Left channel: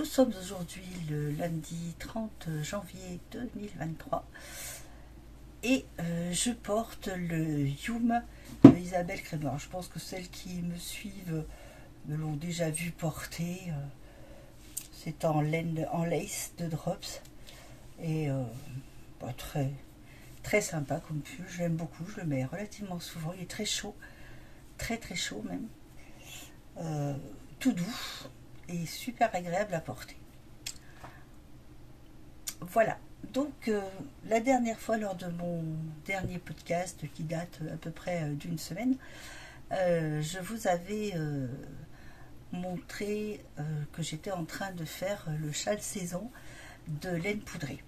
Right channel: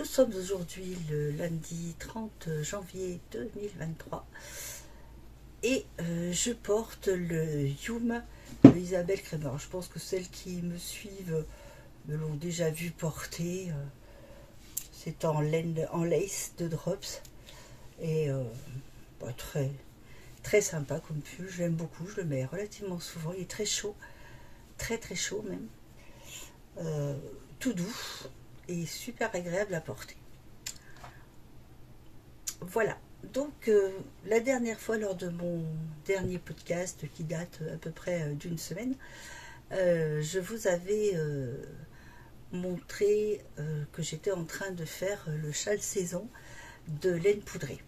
Nous sommes aujourd'hui le lundi 30 janvier 2023 et je porte le Youm de Isabelle Crémer. Je pense que celles qui me suivent me l'ont déjà vu porter. C'est en laine, en lace de Drops et très, très sympa comme pull. Je l'aime beaucoup, je le mets relativement souvent. Il est très chaud, très très chaud même. Tout doux et super agréable à porter. Voilà, donc la dernière fois lors de mon dernier podcast qui date à peu près d'une semaine, je vous avais montré que j'étais en train de faire le châle saison de laine poudrée.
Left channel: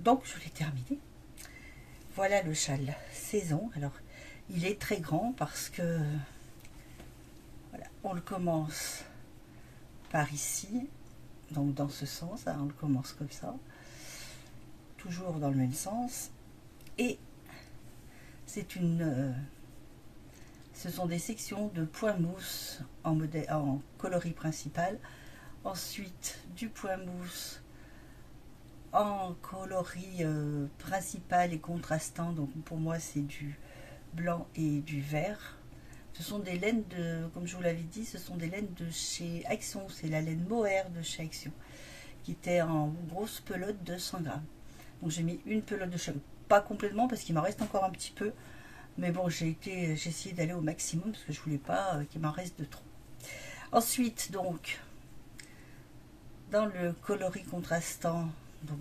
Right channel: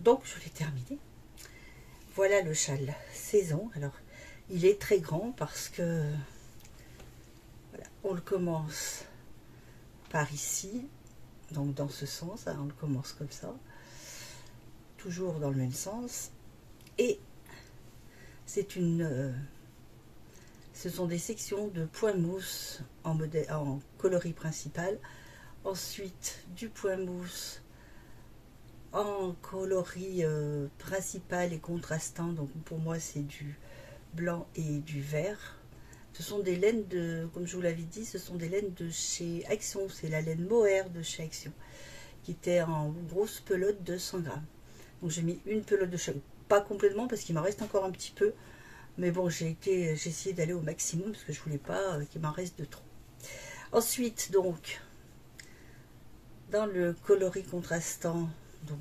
Donc je l'ai terminé. Voilà le châle saison. Alors il est très grand parce que voilà, on le commence par ici, donc dans ce sens, hein, on le commence comme ça, toujours dans le même sens, et c'est ce sont des sections de point mousse en coloris principal, ensuite du point mousse en coloris principal et contrastant, donc pour moi c'est du blanc et du vert. Ce sont des laines de, comme je vous l'avais dit, ce sont des laines de chez Action. C'est la laine mohair de chez Action, qui était en grosse pelote de 100 grammes. Donc j'ai mis une pelote de chaque, pas complètement parce qu'il m'en reste encore un petit peu. Mais bon, j'ai essayé d'aller au maximum parce que je voulais pas qu'il m'en reste de trop. Ensuite, donc, dans le coloris contrastant, donc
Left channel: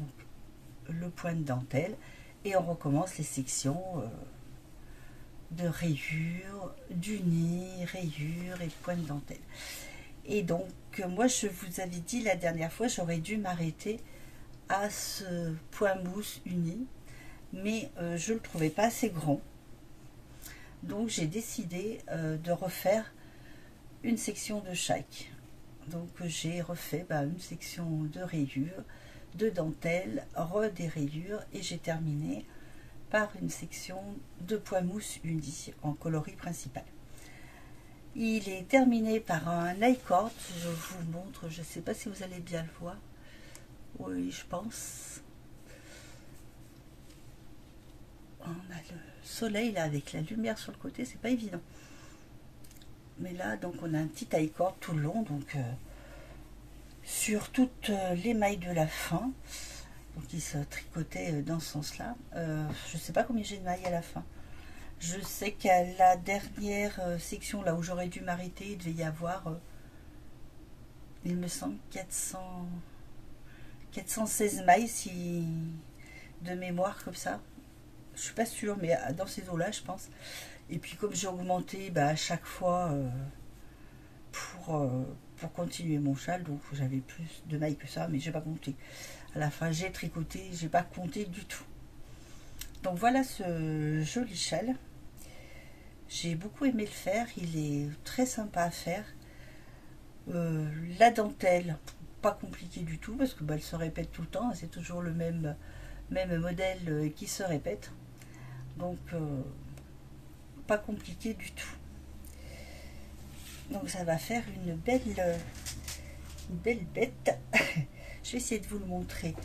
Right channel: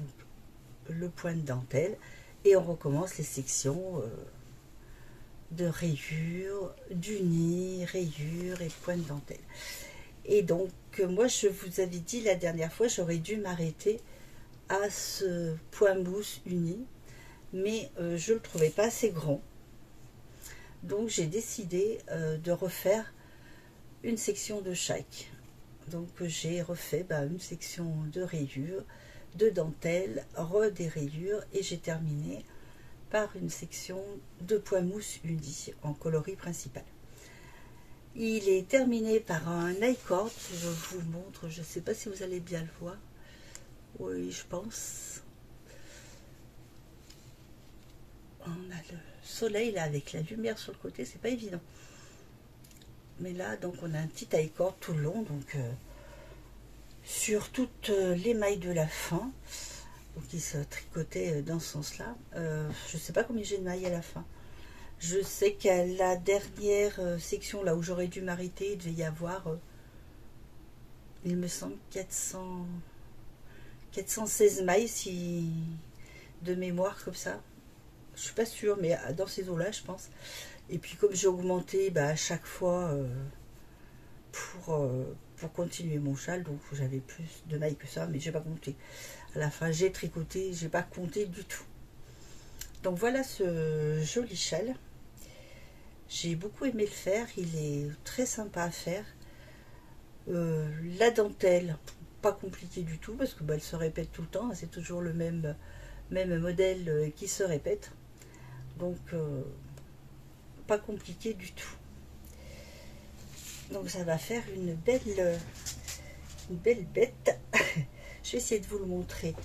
le point de dentelle, et on recommence les sections de rayures, d'unis, rayures et point de dentelle. Et donc moi je vous avais dit la dernière fois j'aurais dû m'arrêter à ce point mousse uni, mais je le trouvais pas assez grand, donc j'ai décidé de refaire une section de chaque. Donc j'ai refait une section de rayures, de dentelle, des rayures, et j'ai terminé par une section de point mousse uni en coloris principal. Il est terminé par un I-cord, je vous montre, je ne sais pas si vous allez bien le voir. Oui, je pense. On a le soleil là avec la lumière sur le côté, c'est pas évident. Mais là, donc on a un petit I-cord tout le long, donc sur toutes les mailles de la fin. Donc il se tricotait dans ce sens-là. Je ne sais pas combien j'ai de mailles à la fin. Je sais qu'à la dernière section, là où j'aurais dû m'arrêter, il devait y avoir, il me semble, 416 mailles de mémoire comme ça. Je suis pas sûre, mais dans ces eaux-là, je pense. Et puis comme j'ai augmenté à chaque fois pour continuer mon châle, donc j'avais plus de mailles que ça, mais j'ai pas compté. À la fin, j'ai tricoté, j'ai pas compté du tout. Donc voilà ce joli châle. J'ai beaucoup aimé le faire, il est très sympa à faire. La dentelle, pas compliqué du tout, parce que elle se répète tout le temps, c'est toujours le même modèle qui se répète. Donc pas compliqué du tout. Donc ça va faire une belle bête. Je vais essayer de vous le montrer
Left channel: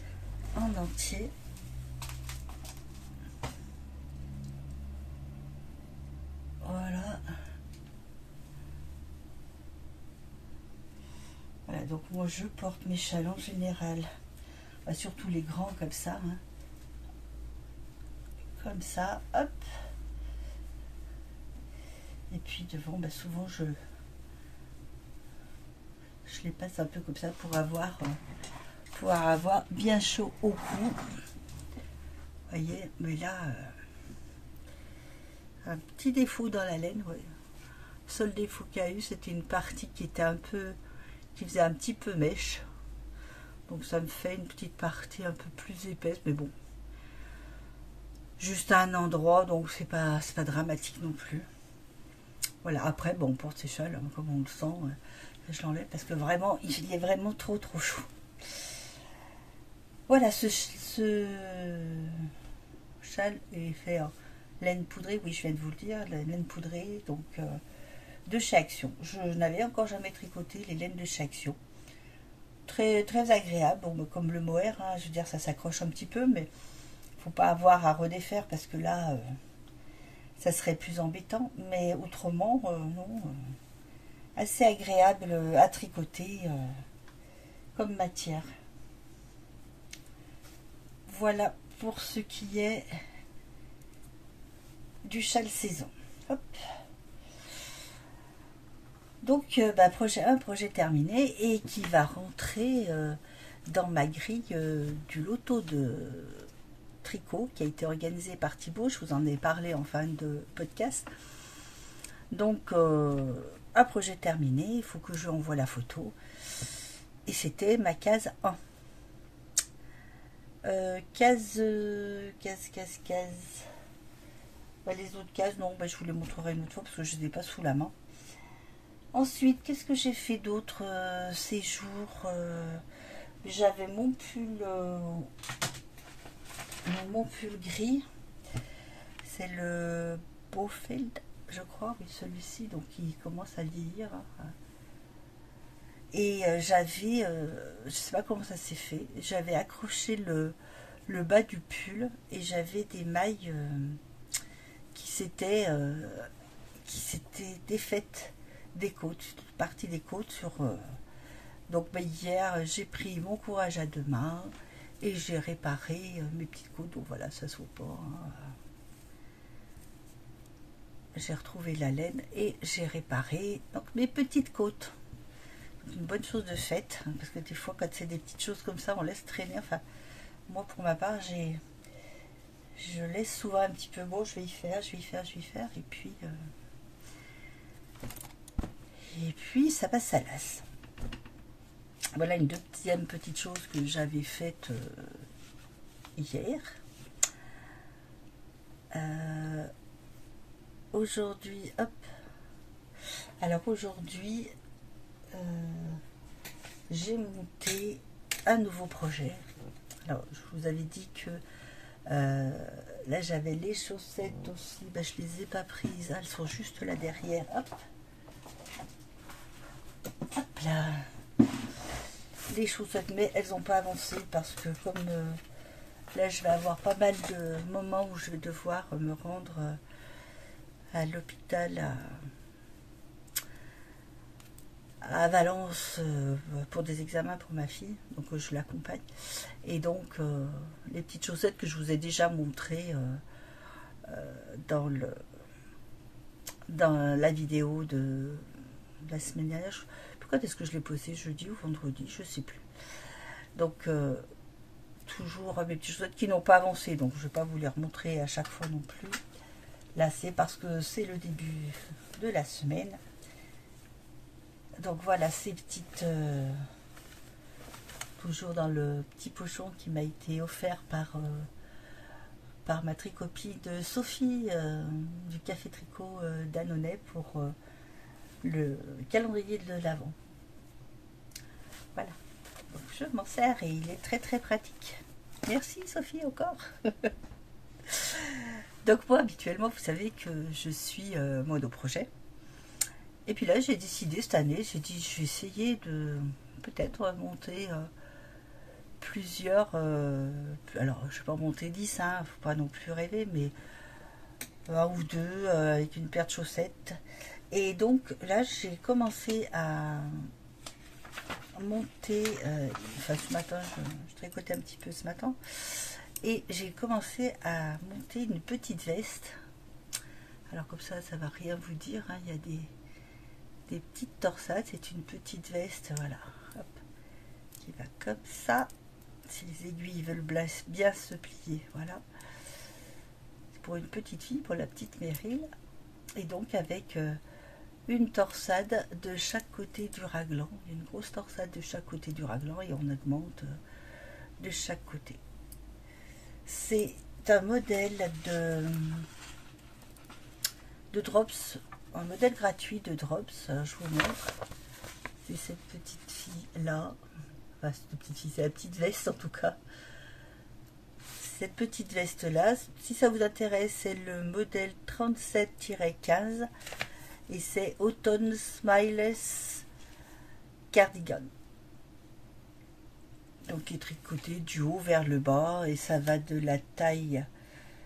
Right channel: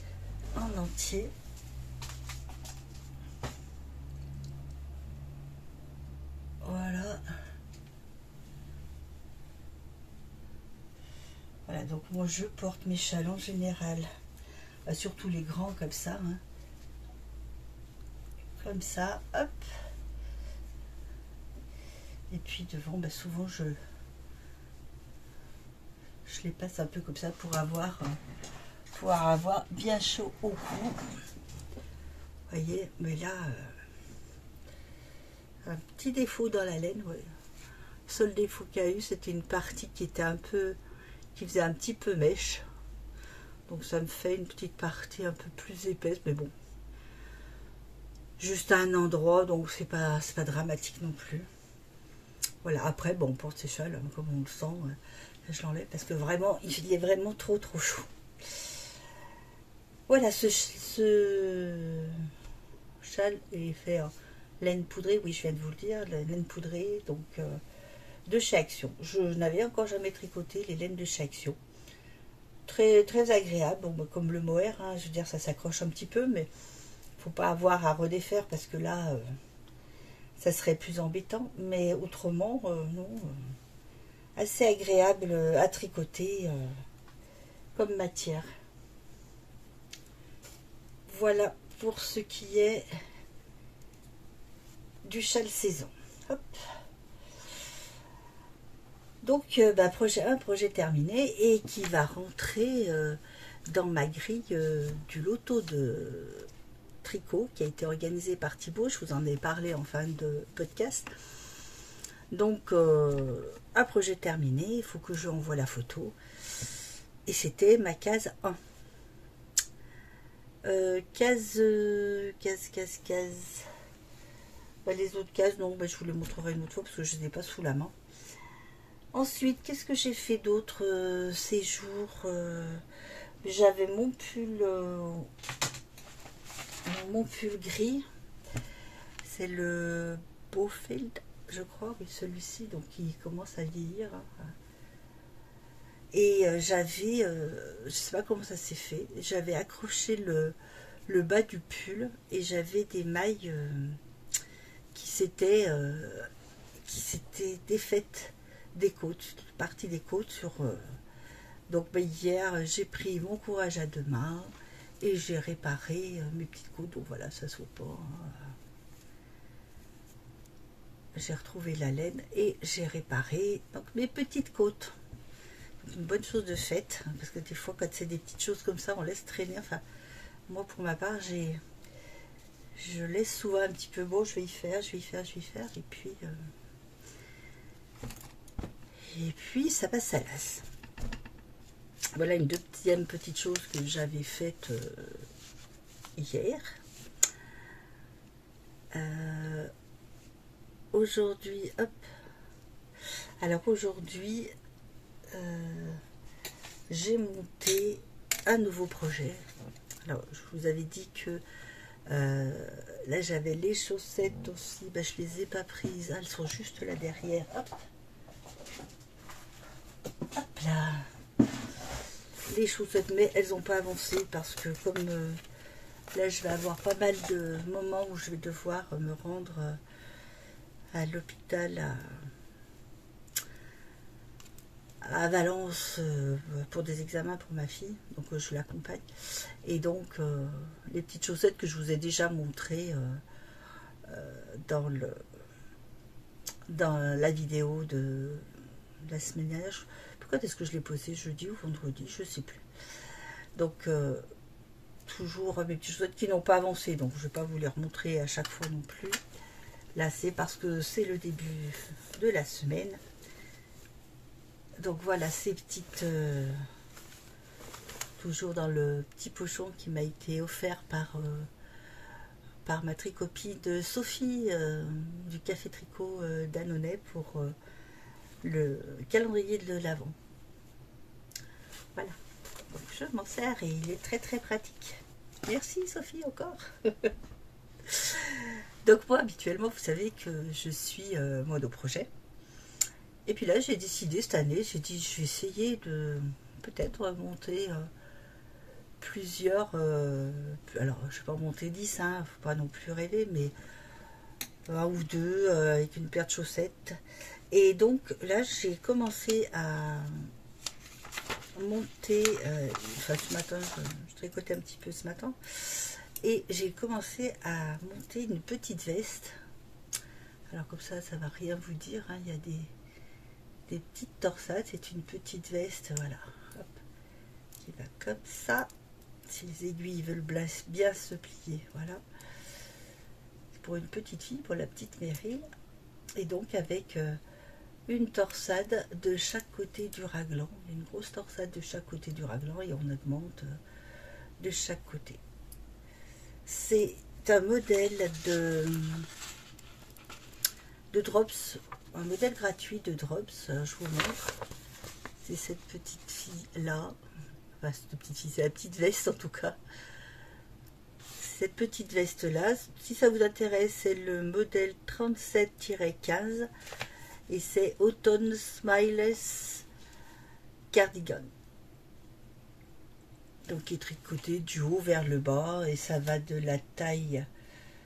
en entier. Voilà. Voilà, donc moi je porte mes châles en général, surtout les grands comme ça, hein. Comme ça, hop. Et puis devant, souvent je les passe un peu comme ça pour pouvoir avoir bien chaud au cou. Vous voyez, mais là, un petit défaut dans la laine, ouais. Le seul défaut qu'il y a eu, c'était une partie qui était qui faisait un petit peu mèche. Donc ça me fait une petite partie un peu plus épaisse, mais bon. Juste à un endroit, donc c'est pas dramatique non plus. Voilà, après, bon, on porte ses châles, comme on le sent, je l'enlève parce que vraiment, il est vraiment trop chaud. Voilà, ce châle est fait en laine poudrée, oui, je viens de vous le dire, la laine poudrée, donc de chez Action. Je n'avais encore jamais tricoté les laines de chez Action. Très, très agréable, bon, comme le mohair, hein, je veux dire, ça s'accroche un petit peu, mais faut pas avoir à redéfaire parce que là, ça serait plus embêtant. Mais autrement, non, assez agréable à tricoter comme matière. Voilà pour ce qui est du châle saison. Hop. Donc, un projet terminé et qui va rentrer dans ma grille du loto de tricot qui a été organisé par Thibaut. Je vous en ai parlé en fin de podcast. Donc, un projet terminé, il faut que je envoie la photo. Et c'était ma case 1. Case. Les autres cases, non, je vous les montrerai une autre fois parce que je ne les ai pas sous la main. Ensuite, qu'est-ce que j'ai fait d'autre ces jours? J'avais mon pull gris. C'est le Beaufeld, je crois, oui, celui-ci, donc il commence à vieillir. Et j'avais, je sais pas comment ça s'est fait, j'avais accroché le bas du pull et j'avais des mailles qui s'étaient défaites des côtes, partie des côtes sur. Donc hier, j'ai pris mon courage à deux mains et j'ai réparé mes petites côtes. Donc voilà, ça se voit pas. Hein. J'ai retrouvé la laine et j'ai réparé donc mes petites côtes. Une bonne chose de faite, parce que des fois, quand c'est des petites choses comme ça, on laisse traîner. Enfin, moi, pour ma part, je laisse souvent un petit peu, bon, je vais y faire, et puis ça passe à l'as. Voilà une deuxième petite chose que j'avais faite hier. Aujourd'hui, hop. Alors aujourd'hui, j'ai monté un nouveau projet. Alors, je vous avais dit que là, j'avais les chaussettes aussi. Je les ai pas prises. Elles sont juste là derrière. Hop. Hop là. Les chaussettes, mais elles n'ont pas avancé parce que comme là, je vais avoir pas mal de moments où je vais devoir me rendre à l'hôpital à Valence pour des examens pour ma fille, donc je l'accompagne. Et donc, les petites chaussettes que je vous ai déjà montrées dans la vidéo de la semaine dernière. Pourquoi est-ce que je l'ai posté jeudi ou vendredi? Je sais plus. Donc, toujours mes petites chaussettes qui n'ont pas avancé. Donc, je ne vais pas vous les remontrer à chaque fois non plus. Là, c'est parce que c'est le début de la semaine. Donc, voilà ces petites... toujours dans le petit pochon qui m'a été offert par ma tricopie de Sophie du Café Tricot d'Annonay pour le calendrier de l'Avent. Voilà, donc je m'en sers et il est très très pratique. Merci Sophie encore. Donc moi habituellement vous savez que je suis monoprojet. Et puis là j'ai décidé cette année, j'ai dit je vais essayer de peut-être monter plusieurs, alors je vais pas monter 10, hein, faut pas non plus rêver, mais un ou deux avec une paire de chaussettes. Et donc là j'ai commencé à monter, enfin ce matin je tricotais un petit peu ce matin et j'ai commencé à monter une petite veste. Alors comme ça va rien vous dire, hein, il y a des petites torsades, c'est une petite veste, voilà, hop, qui va comme ça, si les aiguilles veulent bien se plier, voilà, c'est pour une petite fille, pour la petite Meryl, et donc avec une torsade de chaque côté du raglan. Il y a une grosse torsade de chaque côté du raglan et on augmente de chaque côté. C'est un modèle de Drops, un modèle gratuit de Drops. Alors, je vous montre. C'est cette petite fille là. Enfin, cette petite fille, c'est la petite veste en tout cas. Cette petite veste là, si ça vous intéresse, c'est le modèle 37-15. et c'est Autumn Smileless Cardigan. Donc qui est tricoté du haut vers le bas et ça va de la taille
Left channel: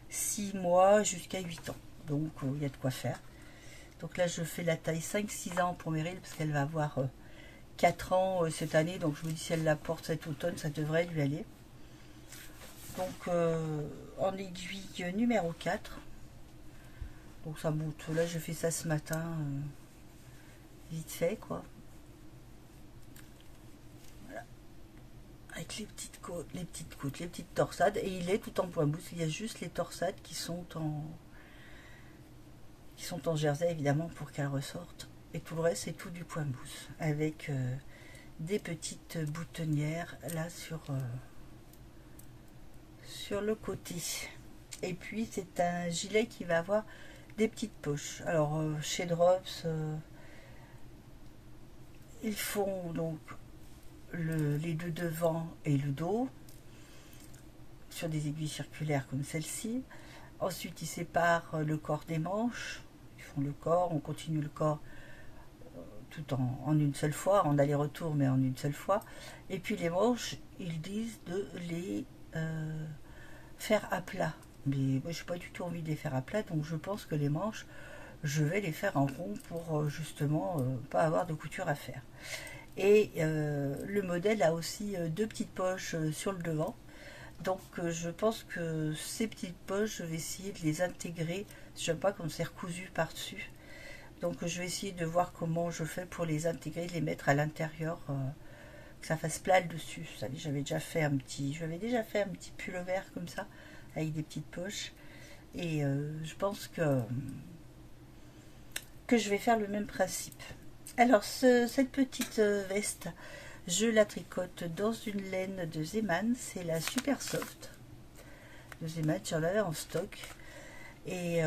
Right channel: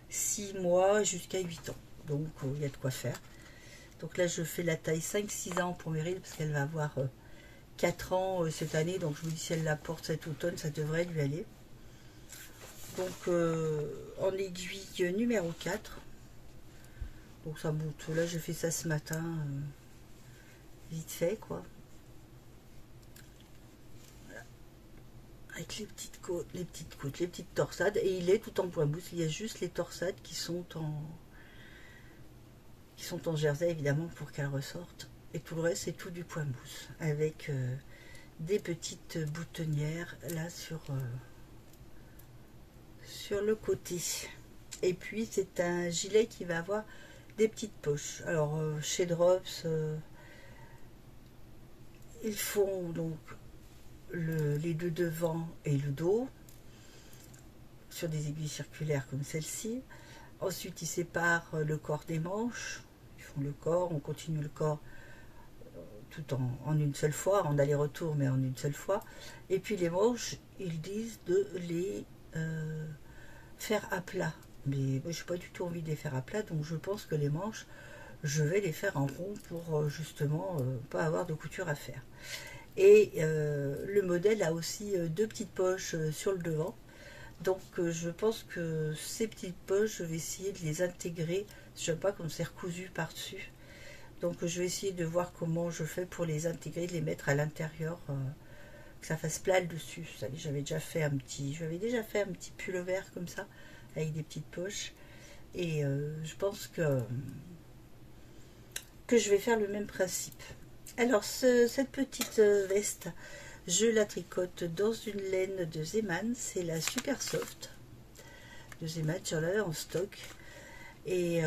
6 mois jusqu'à 8 ans. Donc il y a de quoi faire. Donc là je fais la taille 5-6 ans pour Meryl parce qu'elle va avoir 4 ans cette année. Donc je me dis si elle la porte cet automne ça devrait lui aller. Donc en aiguille numéro 4. Donc ça monte. Là je fais ça ce matin. Vite fait quoi. Avec les petites côtes, les petites torsades. Et il est tout en point mousse. Il y a juste les torsades qui sont en jersey évidemment pour qu'elles ressortent. Et tout le reste c'est tout du point mousse. Avec des petites boutonnières là sur le côté. Et puis c'est un gilet qui va avoir des petites poches. Alors chez Drops, ils font donc les deux devants et le dos sur des aiguilles circulaires comme celle-ci. Ensuite ils séparent le corps des manches, ils font le corps, on continue le corps tout en une seule fois, en aller-retour mais en une seule fois. Et puis les manches, ils disent de les faire à plat, mais moi j'ai pas du tout envie de les faire à plat, donc je pense que les manches je vais les faire en rond pour justement pas avoir de couture à faire. Et le modèle a aussi deux petites poches sur le devant. Donc je pense que ces petites poches, je vais essayer de les intégrer. Je ne sais pas comme c'est recousu par-dessus. Donc je vais essayer de voir comment je fais pour les intégrer, de les mettre à l'intérieur, que ça fasse plat le dessus. Vous savez, j'avais déjà fait un petit pullover comme ça, avec des petites poches. Et je pense que je vais faire le même principe. Alors cette petite veste, je la tricote dans une laine de Zeman, c'est la Super Soft de Zeman, j'en avais en stock et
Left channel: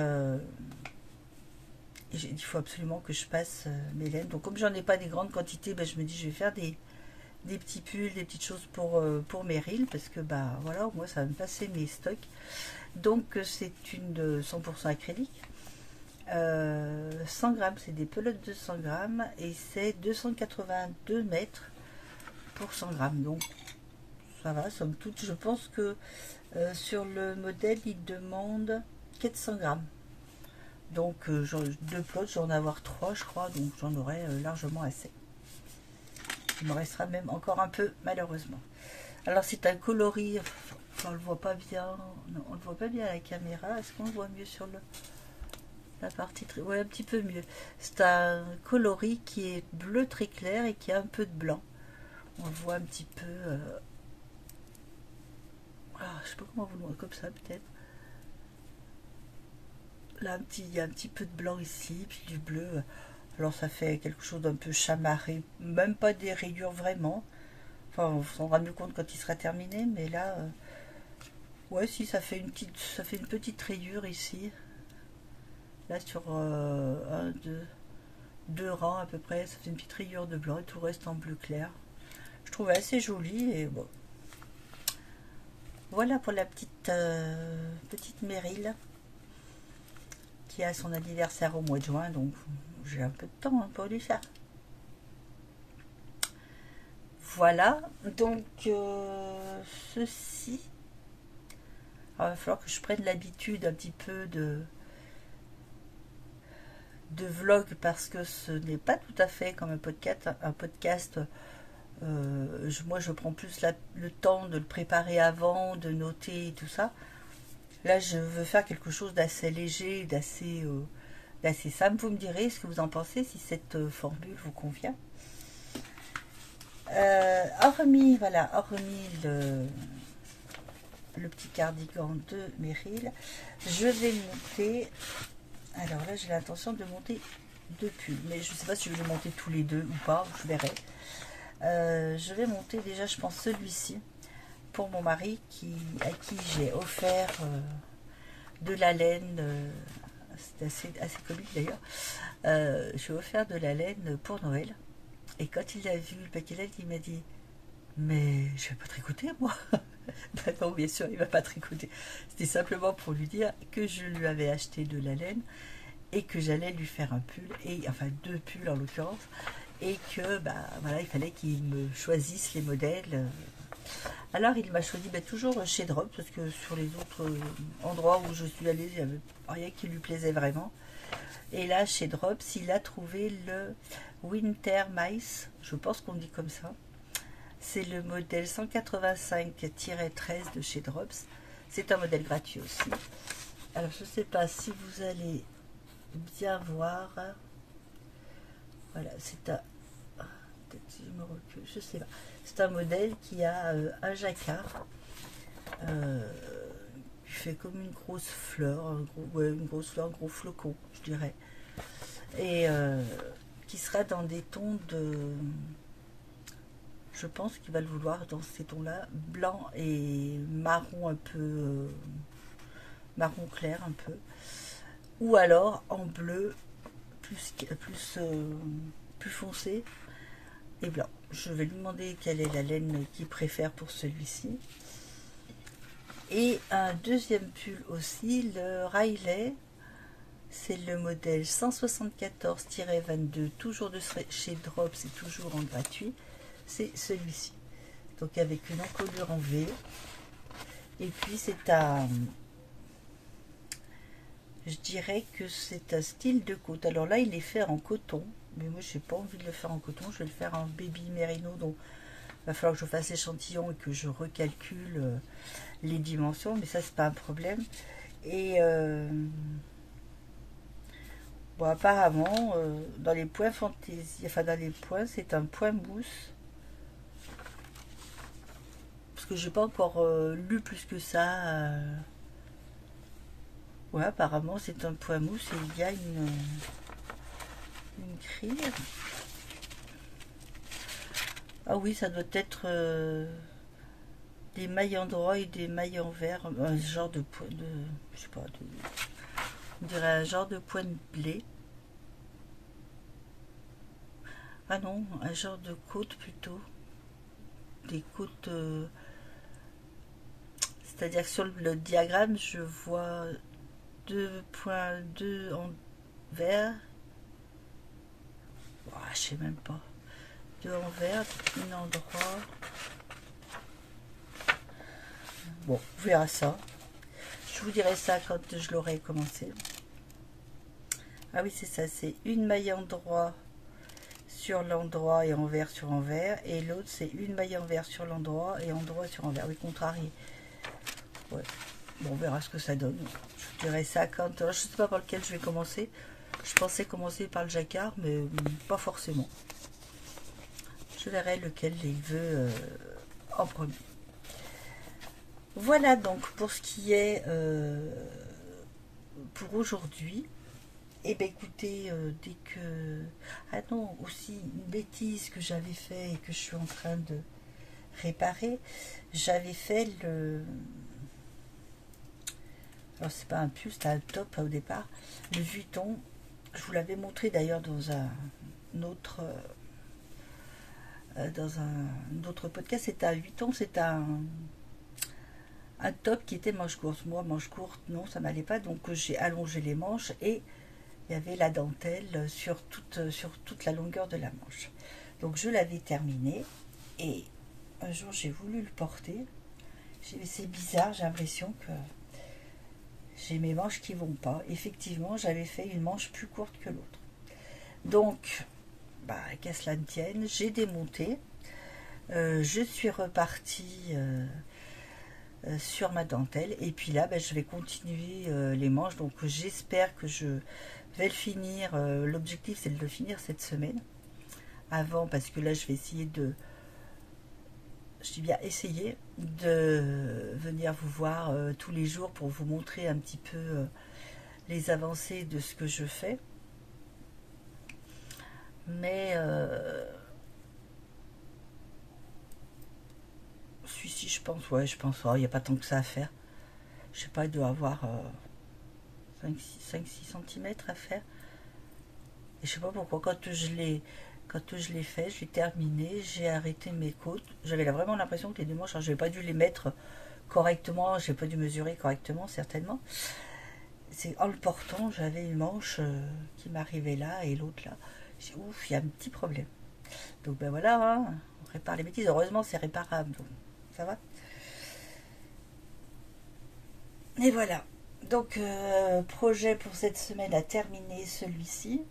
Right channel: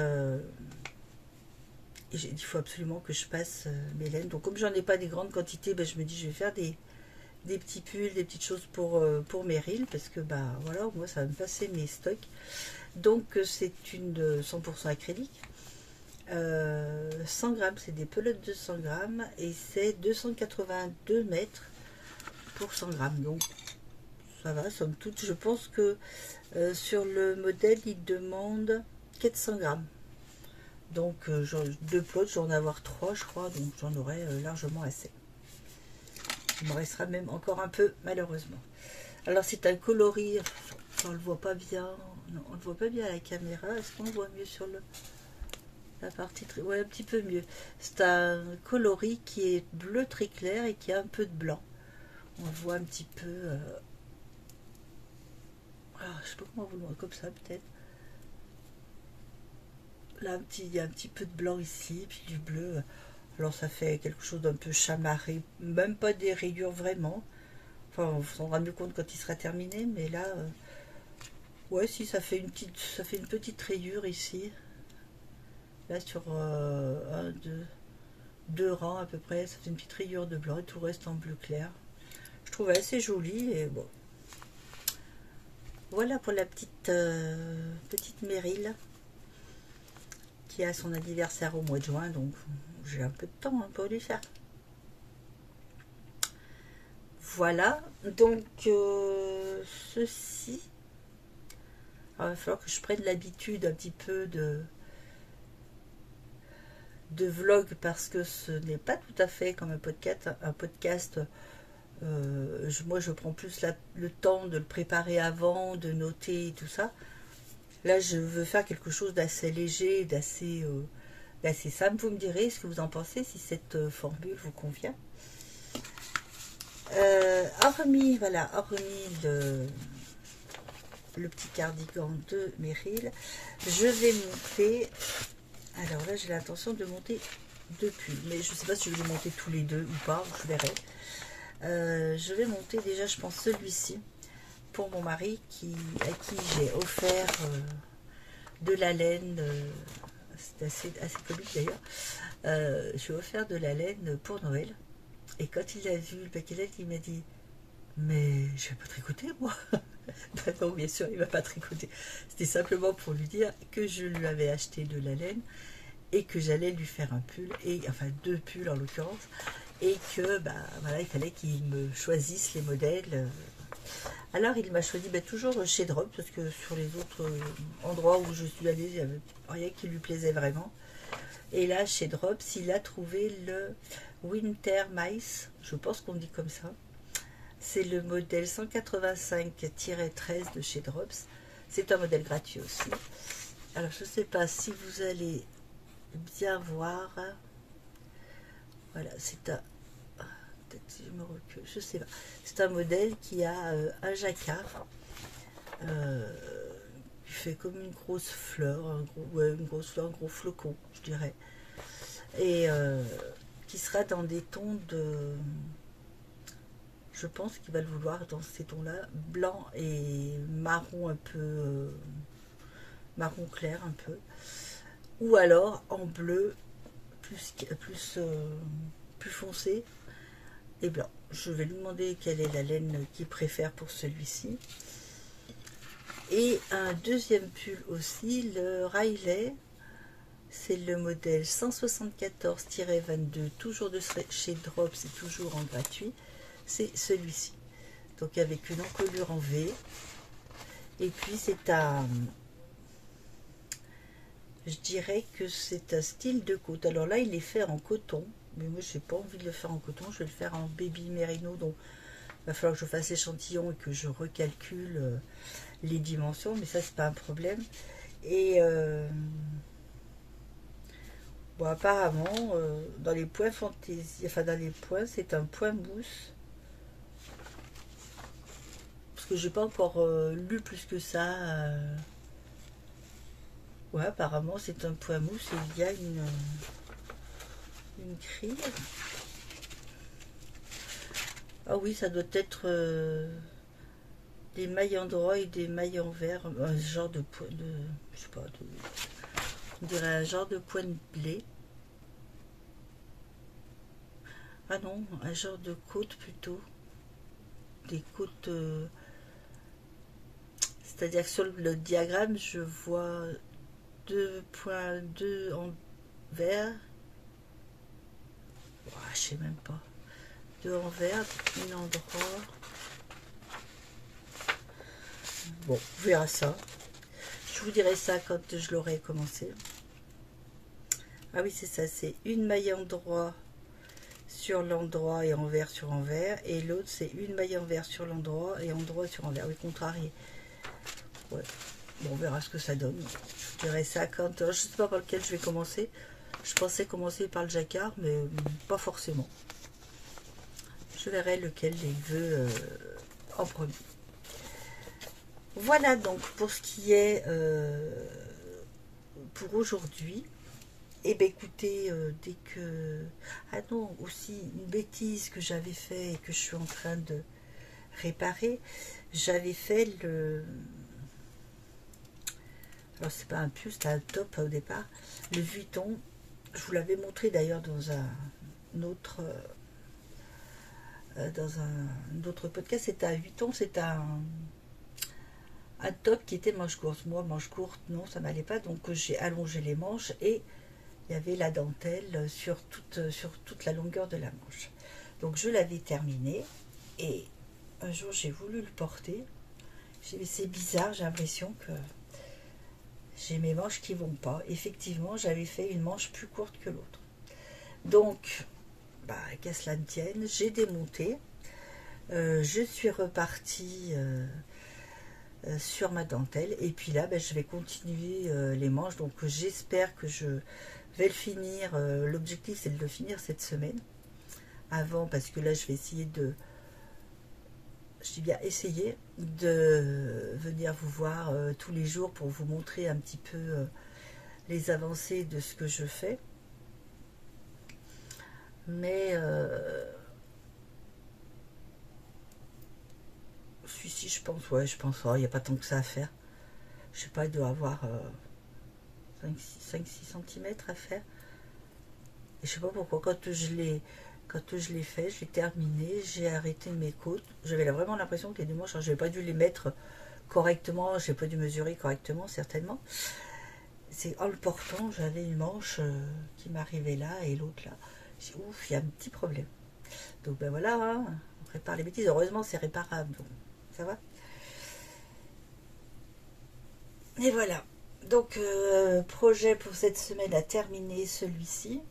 j'ai dit il faut absolument que je passe mes laines. Donc comme j'en ai pas des grandes quantités, je me dis je vais faire des petits pulls, des petites choses pour Meryl parce que voilà, moi ça va me passer mes stocks. Donc c'est une 100% acrylique. 100 grammes, c'est des pelotes de 100 grammes et c'est 282 mètres pour 100 grammes. Donc ça va, somme toute. Je pense que sur le modèle, il demande 400 grammes. Donc deux pelotes, j'en ai avoir 3 je crois, donc j'en aurai largement assez. Il me restera même encore un peu malheureusement. Alors c'est un coloris, on le voit pas bien, non, on le voit pas bien à la caméra. Est-ce qu'on le voit mieux sur la partie ouais, un petit peu mieux. C'est un coloris qui est bleu très clair et qui a un peu de blanc. On voit un petit peu je sais pas comment vous le voyez, comme ça peut-être. Là il y a un petit peu de blanc ici, puis du bleu. Alors ça fait quelque chose d'un peu chamarré, même pas des rayures vraiment. Enfin on s'en rendra mieux compte quand il sera terminé, mais là ouais si ça fait une petite rayure ici. Là sur deux rangs à peu près, ça fait une petite rayure de blanc et tout reste en bleu clair. Je trouve assez joli et bon. Voilà pour la petite Meryl qui a son anniversaire au mois de juin, donc j'ai un peu de temps pour lui faire. Voilà, donc ceci. Alors, il va falloir que je prenne l'habitude un petit peu de vlog parce que ce n'est pas tout à fait comme un podcast. Moi je prends plus le temps de le préparer avant, de noter et tout ça. Là je veux faire quelque chose d'assez léger, d'assez simple. Vous me direz ce que vous en pensez, si cette formule vous convient. Hormis le petit cardigan de Meryl, je vais monter. Alors là j'ai l'intention de monter 2 pulls, mais je ne sais pas si je vais les monter tous les deux ou pas, je verrai. Je vais monter déjà je pense celui-ci pour mon mari à qui j'ai offert de la laine, c'est assez comique d'ailleurs. J'ai offert de la laine pour Noël et quand il a vu le paquet de laine il m'a dit mais je vais pas tricoter moi. Non bien sûr il va pas tricoter, c'était simplement pour lui dire que je lui avais acheté de la laine et que j'allais lui faire un pull, et enfin 2 pulls en l'occurrence, et que bah, voilà, il fallait qu'il me choisisse les modèles. Alors il m'a choisi toujours chez Drops, parce que sur les autres endroits où je suis allée, il n'y avait rien qui lui plaisait vraiment. Et là, chez Drops, il a trouvé le Winter Mice, je pense qu'on dit comme ça. C'est le modèle 185-13 de chez Drops. C'est un modèle gratuit aussi. Alors, je ne sais pas si vous allez bien voir. Voilà, c'est un... Peut-être si je me recule, je sais pas. C'est un modèle qui a un jacquard. Qui fait comme une grosse fleur, une grosse fleur, un gros flocon, je dirais. Et qui sera dans des tons de... Je pense qu'il va le vouloir dans ces tons-là, blanc et marron un peu, marron clair un peu, ou alors en bleu plus foncé et blanc. Je vais lui demander quelle est la laine qu'il préfère pour celui-ci. Et un deuxième pull aussi, le Riley, c'est le modèle 174-22, toujours de chez Drops, c'est toujours en gratuit. C'est celui-ci, donc avec une encolure en V, et puis c'est un, je dirais que c'est un style de côte. Alors là il est fait en coton, mais moi j'ai pas envie de le faire en coton, je vais le faire en baby merino, donc il va falloir que je fasse l'échantillon et que je recalcule les dimensions, mais ça c'est pas un problème. Et bon, apparemment dans les points fantaisie, enfin dans les points, c'est un point mousse, que j'ai pas encore lu plus que ça. Ouais, apparemment c'est un point mousse et il y a une grille. Ah oui, ça doit être des mailles en droit et des mailles en vert, un genre de point de, je sais pas, on dirait un genre de point de blé. Ah non, un genre de côte plutôt, des côtes. C'est-à-dire que sur le diagramme, je vois 2.2 en vert. Oh, je sais même pas. 2 en vert, une en droit. Bon, on verra ça. Je vous dirai ça quand je l'aurai commencé. Ah oui, c'est ça. C'est une maille en droit sur l'endroit et en vert sur envers. Et l'autre, c'est une maille en vert sur l'endroit et en droit sur envers. Oui, contrarié. Ouais. Bon, on verra ce que ça donne. Je dirais ça quand... Je ne sais pas par lequel je vais commencer. Je pensais commencer par le jacquard, mais pas forcément. Je verrai lequel il veut en premier. Voilà donc pour ce qui est pour aujourd'hui. Et bien écoutez, dès que... Ah non, aussi une bêtise que j'avais fait et que je suis en train de réparer. J'avais fait le... Alors c'est pas un pull, c'était un top au départ. Le Vuitton, je vous l'avais montré d'ailleurs dans un autre podcast. C'était un Vuitton, c'est un top qui était manche courte. Moi manche courte non, ça m'allait pas, donc j'ai allongé les manches et il y avait la dentelle sur toute la longueur de la manche. Donc je l'avais terminé et un jour j'ai voulu le porter. J'ai dit c'est bizarre, j'ai l'impression que j'ai mes manches qui vont pas. Effectivement, j'avais fait une manche plus courte que l'autre. Donc, bah, qu'à cela ne tienne, j'ai démonté. Je suis repartie sur ma dentelle. Et puis là, bah, je vais continuer les manches. Donc, j'espère que je vais le finir. L'objectif, c'est de le finir cette semaine. Avant, parce que là, je vais essayer de... Je dis bien essayer de venir vous voir tous les jours pour vous montrer un petit peu les avancées de ce que je fais. Mais celui-ci, je pense, ouais, je pense, il n'y a pas tant que ça à faire. Je sais pas, il doit avoir 5-6 cm à faire. Et je sais pas pourquoi, quand je l'ai fait, je l'ai terminé, j'ai arrêté mes côtes. J'avais vraiment l'impression que les deux manches, je n'avais pas dû les mettre correctement, je n'ai pas dû mesurer correctement, certainement. c'est en le portant, j'avais une manche qui m'arrivait là et l'autre là. J'ai dit, ouf, il y a un petit problème. Donc ben voilà, hein, on répare les bêtises. Heureusement, c'est réparable, donc ça va. Et voilà. Donc, projet pour cette semaine à terminer celui-ci.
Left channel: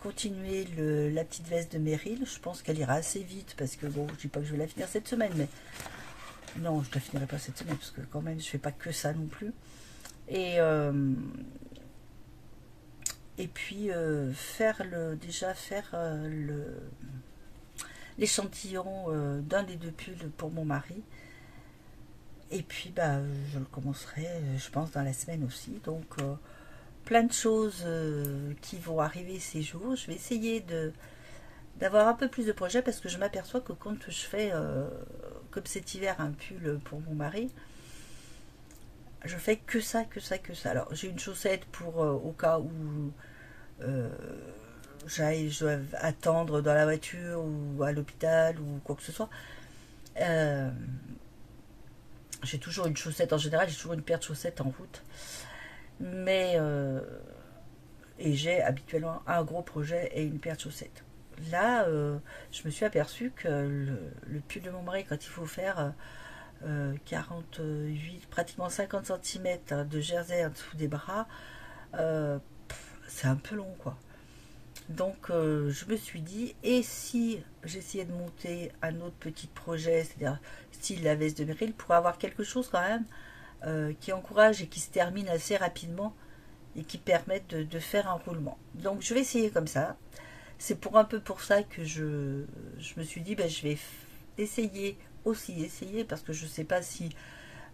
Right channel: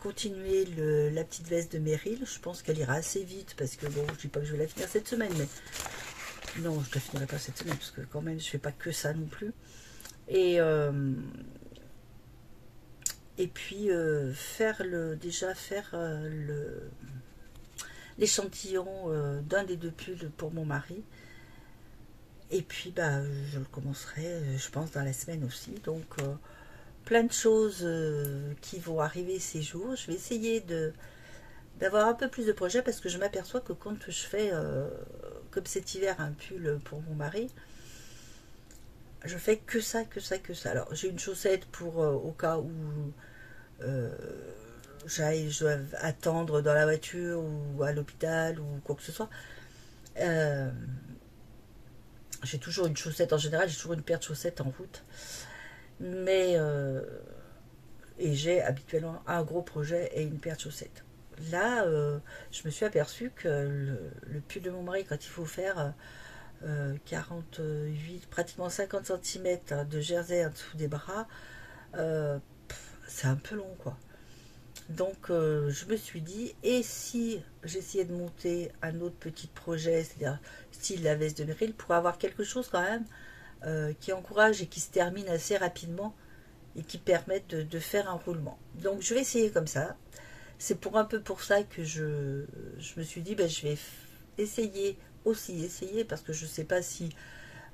Continuer la petite veste de Meryl. Je pense qu'elle ira assez vite parce que bon, je dis pas que je vais la finir cette semaine, mais non, je la finirai pas cette semaine parce que quand même, je fais pas que ça non plus. Et puis faire l'échantillon d'un des deux pulls pour mon mari. Et puis je le commencerai, je pense, dans la semaine aussi. Donc plein de choses qui vont arriver ces jours. Je vais essayer d'avoir un peu plus de projets parce que je m'aperçois que quand je fais, comme cet hiver, un pull pour mon mari, je fais que ça, que ça, que ça. Alors j'ai une chaussette pour au cas où euh, je dois attendre dans la voiture ou à l'hôpital ou quoi que ce soit. Euh, j'ai toujours une chaussette, en général j'ai toujours une paire de chaussettes en route. Mais et j'ai habituellement un gros projet et une paire de chaussettes. Là, je me suis aperçue que le pull de mon mari, quand il faut faire 48, pratiquement 50 cm de jersey en dessous des bras, euh, c'est un peu long, quoi. Donc, je me suis dit, et si j'essayais de monter un autre petit projet, c'est-à-dire style la veste de Meryl, pour avoir quelque chose quand même qui encourage et qui se termine assez rapidement et qui permettent de faire un roulement. Donc, je vais essayer comme ça. C'est pour un peu pour ça que je me suis dit, je vais essayer, parce que je ne sais pas si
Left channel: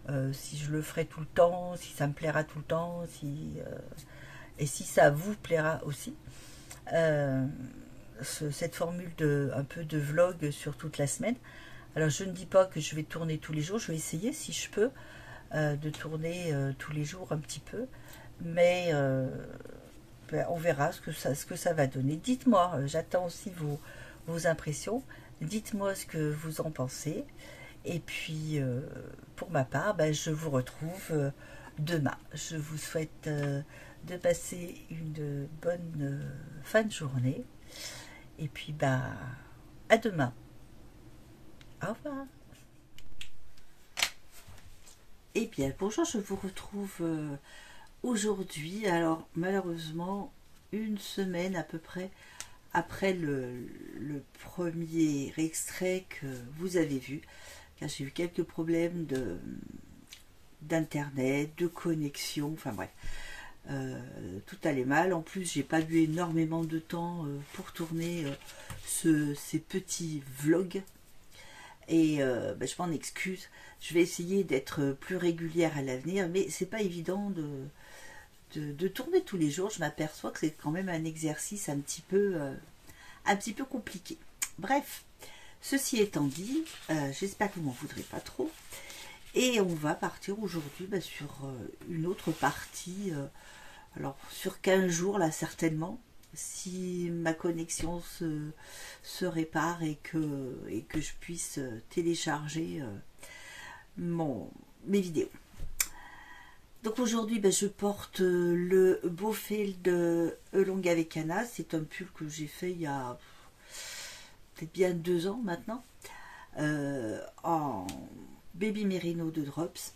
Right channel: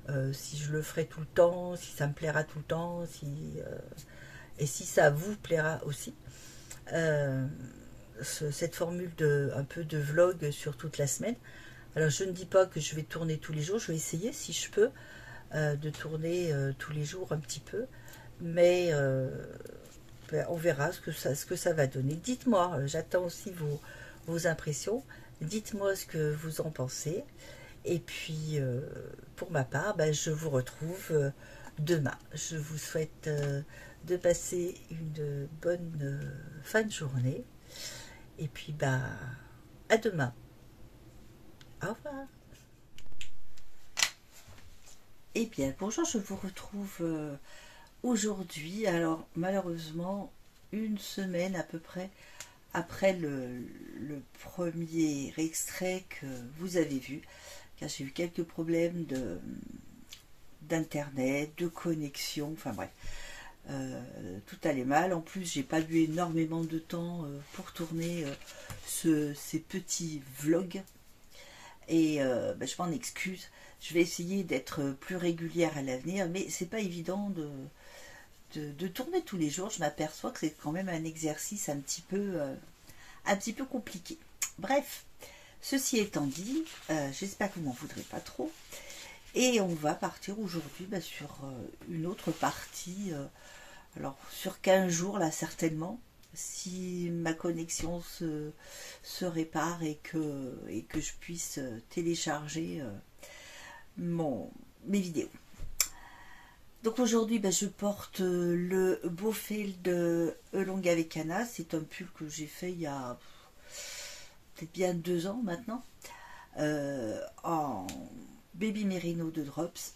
je le ferai tout le temps, si ça me plaira tout le temps, et si ça vous plaira aussi. Euh, cette formule un peu de vlog sur toute la semaine. Alors je ne dis pas que je vais tourner tous les jours, je vais essayer si je peux de tourner tous les jours un petit peu, mais on verra ce que ça va donner. Dites-moi, j'attends aussi vos impressions, dites-moi ce que vous en pensez, et puis pour ma part, je vous retrouve demain. Je vous souhaite de passer une bonne fin de journée, et puis à demain. Au revoir. Eh bien, bonjour, je vous retrouve aujourd'hui. Alors, malheureusement, une semaine à peu près après le premier extrait que vous avez vu, car j'ai eu quelques problèmes d'internet, de connexion, enfin bref. Tout allait mal. En plus, j'ai pas eu énormément de temps pour tourner ces petits vlogs. Et je m'en excuse. Je vais essayer d'être plus régulière à l'avenir, mais c'est pas évident de tourner tous les jours. Je m'aperçois que c'est quand même un exercice un petit peu compliqué. Bref, ceci étant dit, j'espère que vous m'en voudrez pas trop. Et on va partir aujourd'hui sur une autre partie. Alors, sur 15 jours, là, certainement, si ma connexion se répare et que je puisse télécharger mes vidéos. Donc aujourd'hui, je porte le Beaufield Longa Vecana. C'est un pull que j'ai fait il y a peut-être bien 2 ans maintenant, en Baby Merino de Drops.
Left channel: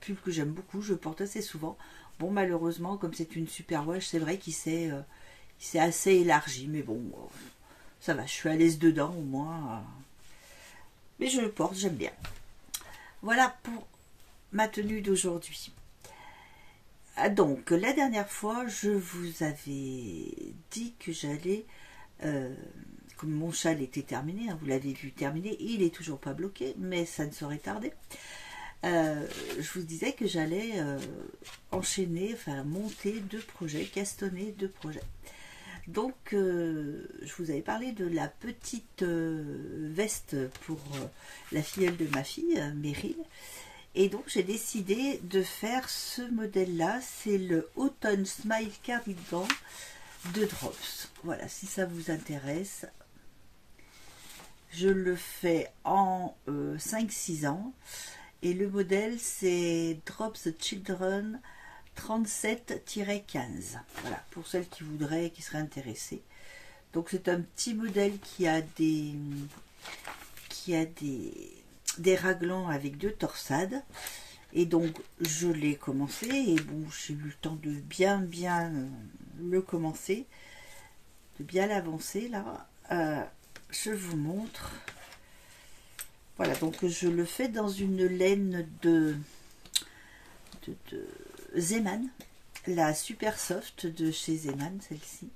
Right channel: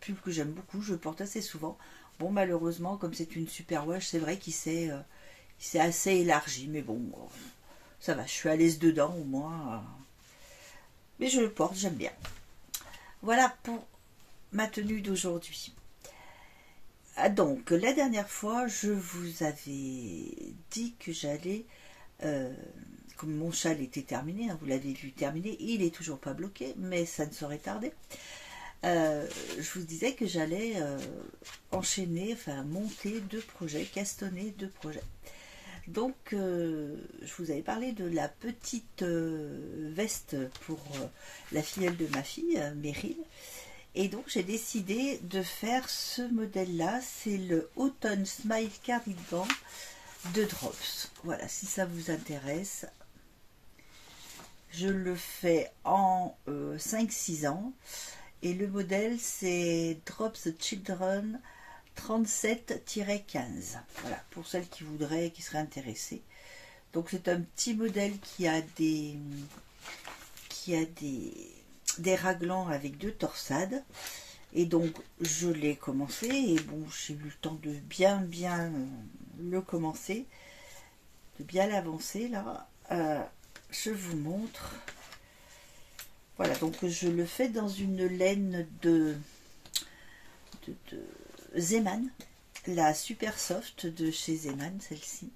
Pull que j'aime beaucoup, je porte assez souvent. Bon, malheureusement, comme c'est une super wash, c'est vrai qu'il s'est assez élargi, mais bon, ça va, je suis à l'aise dedans au moins. Mais je le porte, j'aime bien. Voilà pour ma tenue d'aujourd'hui. Donc, la dernière fois, je vous avais dit que j'allais, comme mon châle était terminé, hein, vous l'avez vu terminé, il est toujours pas bloqué, mais ça ne saurait tarder. Je vous disais que j'allais enchaîner, enfin monter 2 projets, castonner 2 projets. Donc, je vous avais parlé de la petite veste pour la filleule de ma fille, Meryl. Et donc, j'ai décidé de faire ce modèle-là. C'est le Autumn Smile Cardigan de Drops. Voilà, si ça vous intéresse. Je le fais en 5-6 ans. Et le modèle, c'est Drop the Children 37-15. Voilà, pour celles qui voudraient, qui seraient intéressées. Donc c'est un petit modèle qui a des raglans avec 2 torsades. Et donc je l'ai commencé et bon, j'ai eu le temps de bien le commencer, de bien l'avancer là. Je vous montre. Voilà, donc je le fais dans une laine de Zeman, la Super Soft de chez Zeman, celle-ci,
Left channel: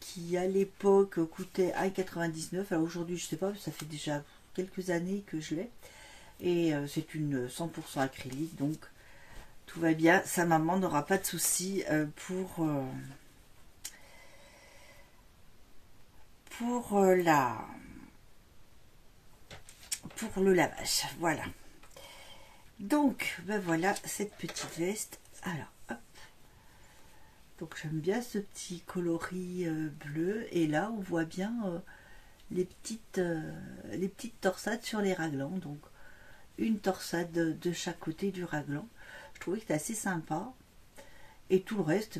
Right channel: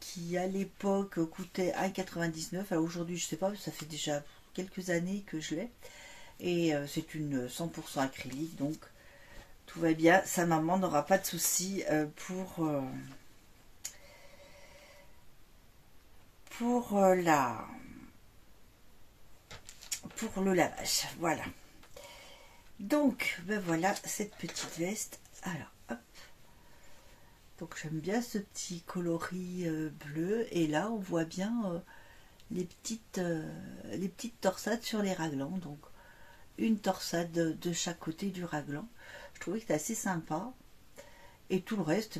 qui à l'époque coûtait 1,99 €. Alors aujourd'hui, je sais pas, ça fait déjà quelques années que je l'ai. Et c'est une 100% acrylique, donc tout va bien. Sa maman n'aura pas de soucis pour le lavage. Voilà. Donc, ben voilà cette petite veste. Alors, hop. Donc j'aime bien ce petit coloris bleu. Et là, on voit bien les petites torsades sur les raglans. Donc, une torsade de chaque côté du raglan. Je trouvais que c'était assez sympa. Et tout le reste,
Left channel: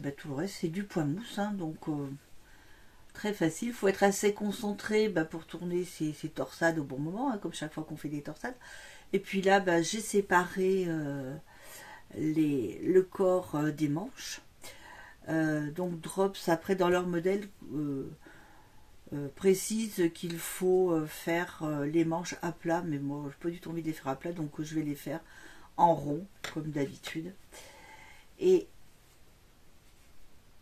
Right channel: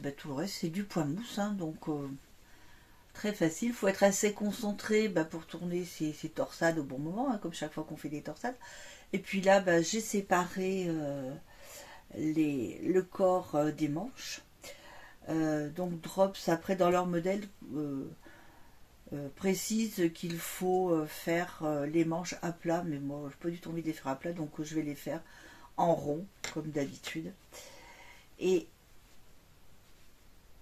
c'est du point mousse. Hein, donc, très facile. Il faut être assez concentré pour tourner ces torsades au bon moment, hein, comme chaque fois qu'on fait des torsades. Et puis là, j'ai séparé le corps des manches. Donc Drops, après dans leur modèle, précise qu'il faut faire les manches à plat. Mais moi, je n'ai pas du tout envie de les faire à plat, donc je vais les faire en rond, comme d'habitude. Et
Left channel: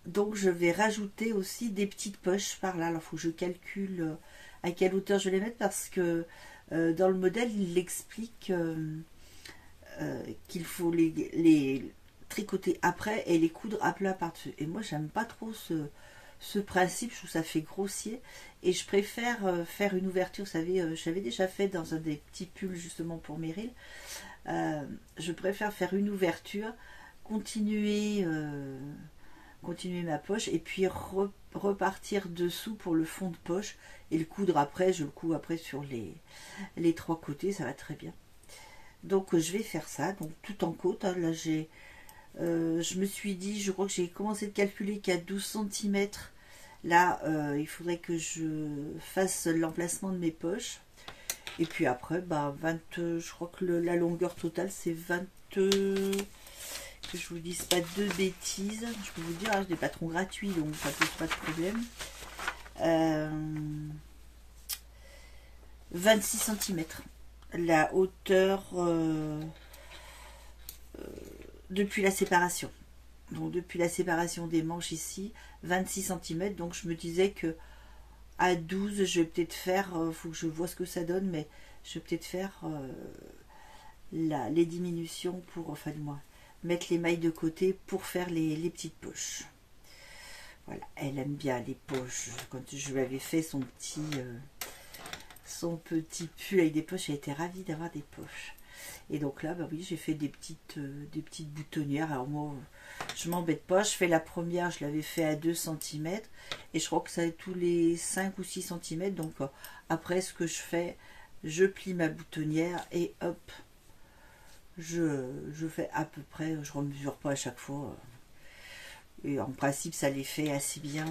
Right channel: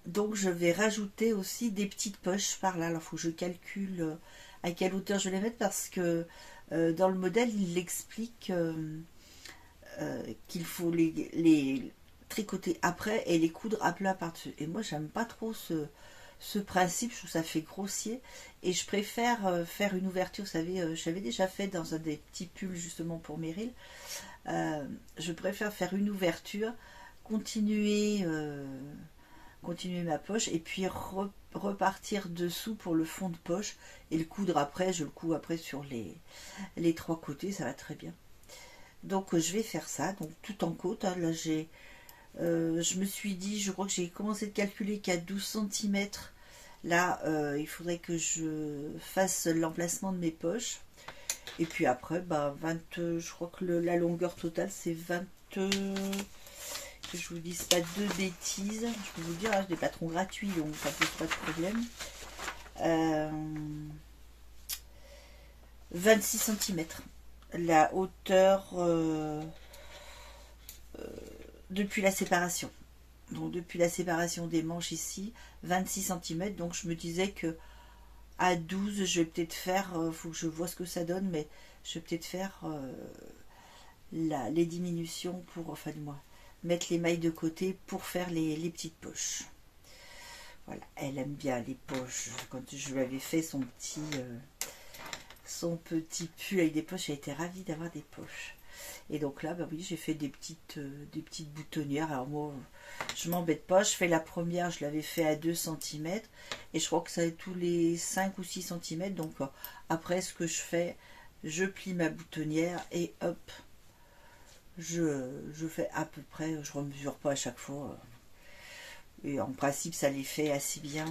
donc je vais rajouter aussi des petites poches par là. Alors il faut que je calcule à quelle hauteur je vais les mettre, parce que dans le modèle il explique qu'il faut les tricoter après et les coudre à plat par-dessus. Et moi j'aime pas trop ce principe, je trouve que ça fait grossier et je préfère faire une ouverture. Vous savez, j'avais déjà fait dans un des petits pulls justement pour Meryl. Je préfère faire une ouverture, continuer ma poche et puis repartir dessous pour le fond de poche et le coudre après. Je le couds après sur les 3 côtés, ça va très bien. Donc je vais faire ça, donc tout en côte. Hein, là je me suis dit, je crois que j'ai commencé de calculer qu'à 12 cm là il faudrait que je fasse l'emplacement de mes poches. Et puis après 20, je crois que la longueur totale c'est 20, que je vous dise pas de bêtises, je peux vous dire, j'ai des patrons gratuits donc ça pose pas de problème. 26 cm la hauteur depuis la séparation. Donc depuis la séparation des manches ici, 26 cm. Donc je me disais que à 12, je vais peut-être faire, faut que je vois ce que ça donne, mais je vais peut-être faire les diminutions pour, enfin du moins, mettre les mailles de côté pour faire les petites poches. Voilà, elle aime bien les poches. Quand je lui avais fait son petit pull avec des poches, elle était ravie d'avoir des poches. Et donc là, oui, j'ai fait des petites boutonnières. Alors moi, je m'embête pas. Je fais la première, je l'avais fait à 2 cm. Et je crois que ça est tous les 5 ou 6 cm. Donc après, ce que je fais, je plie ma boutonnière et hop, je fais à peu près, je ne remesure pas à chaque fois. Et en principe, ça les fait assez bien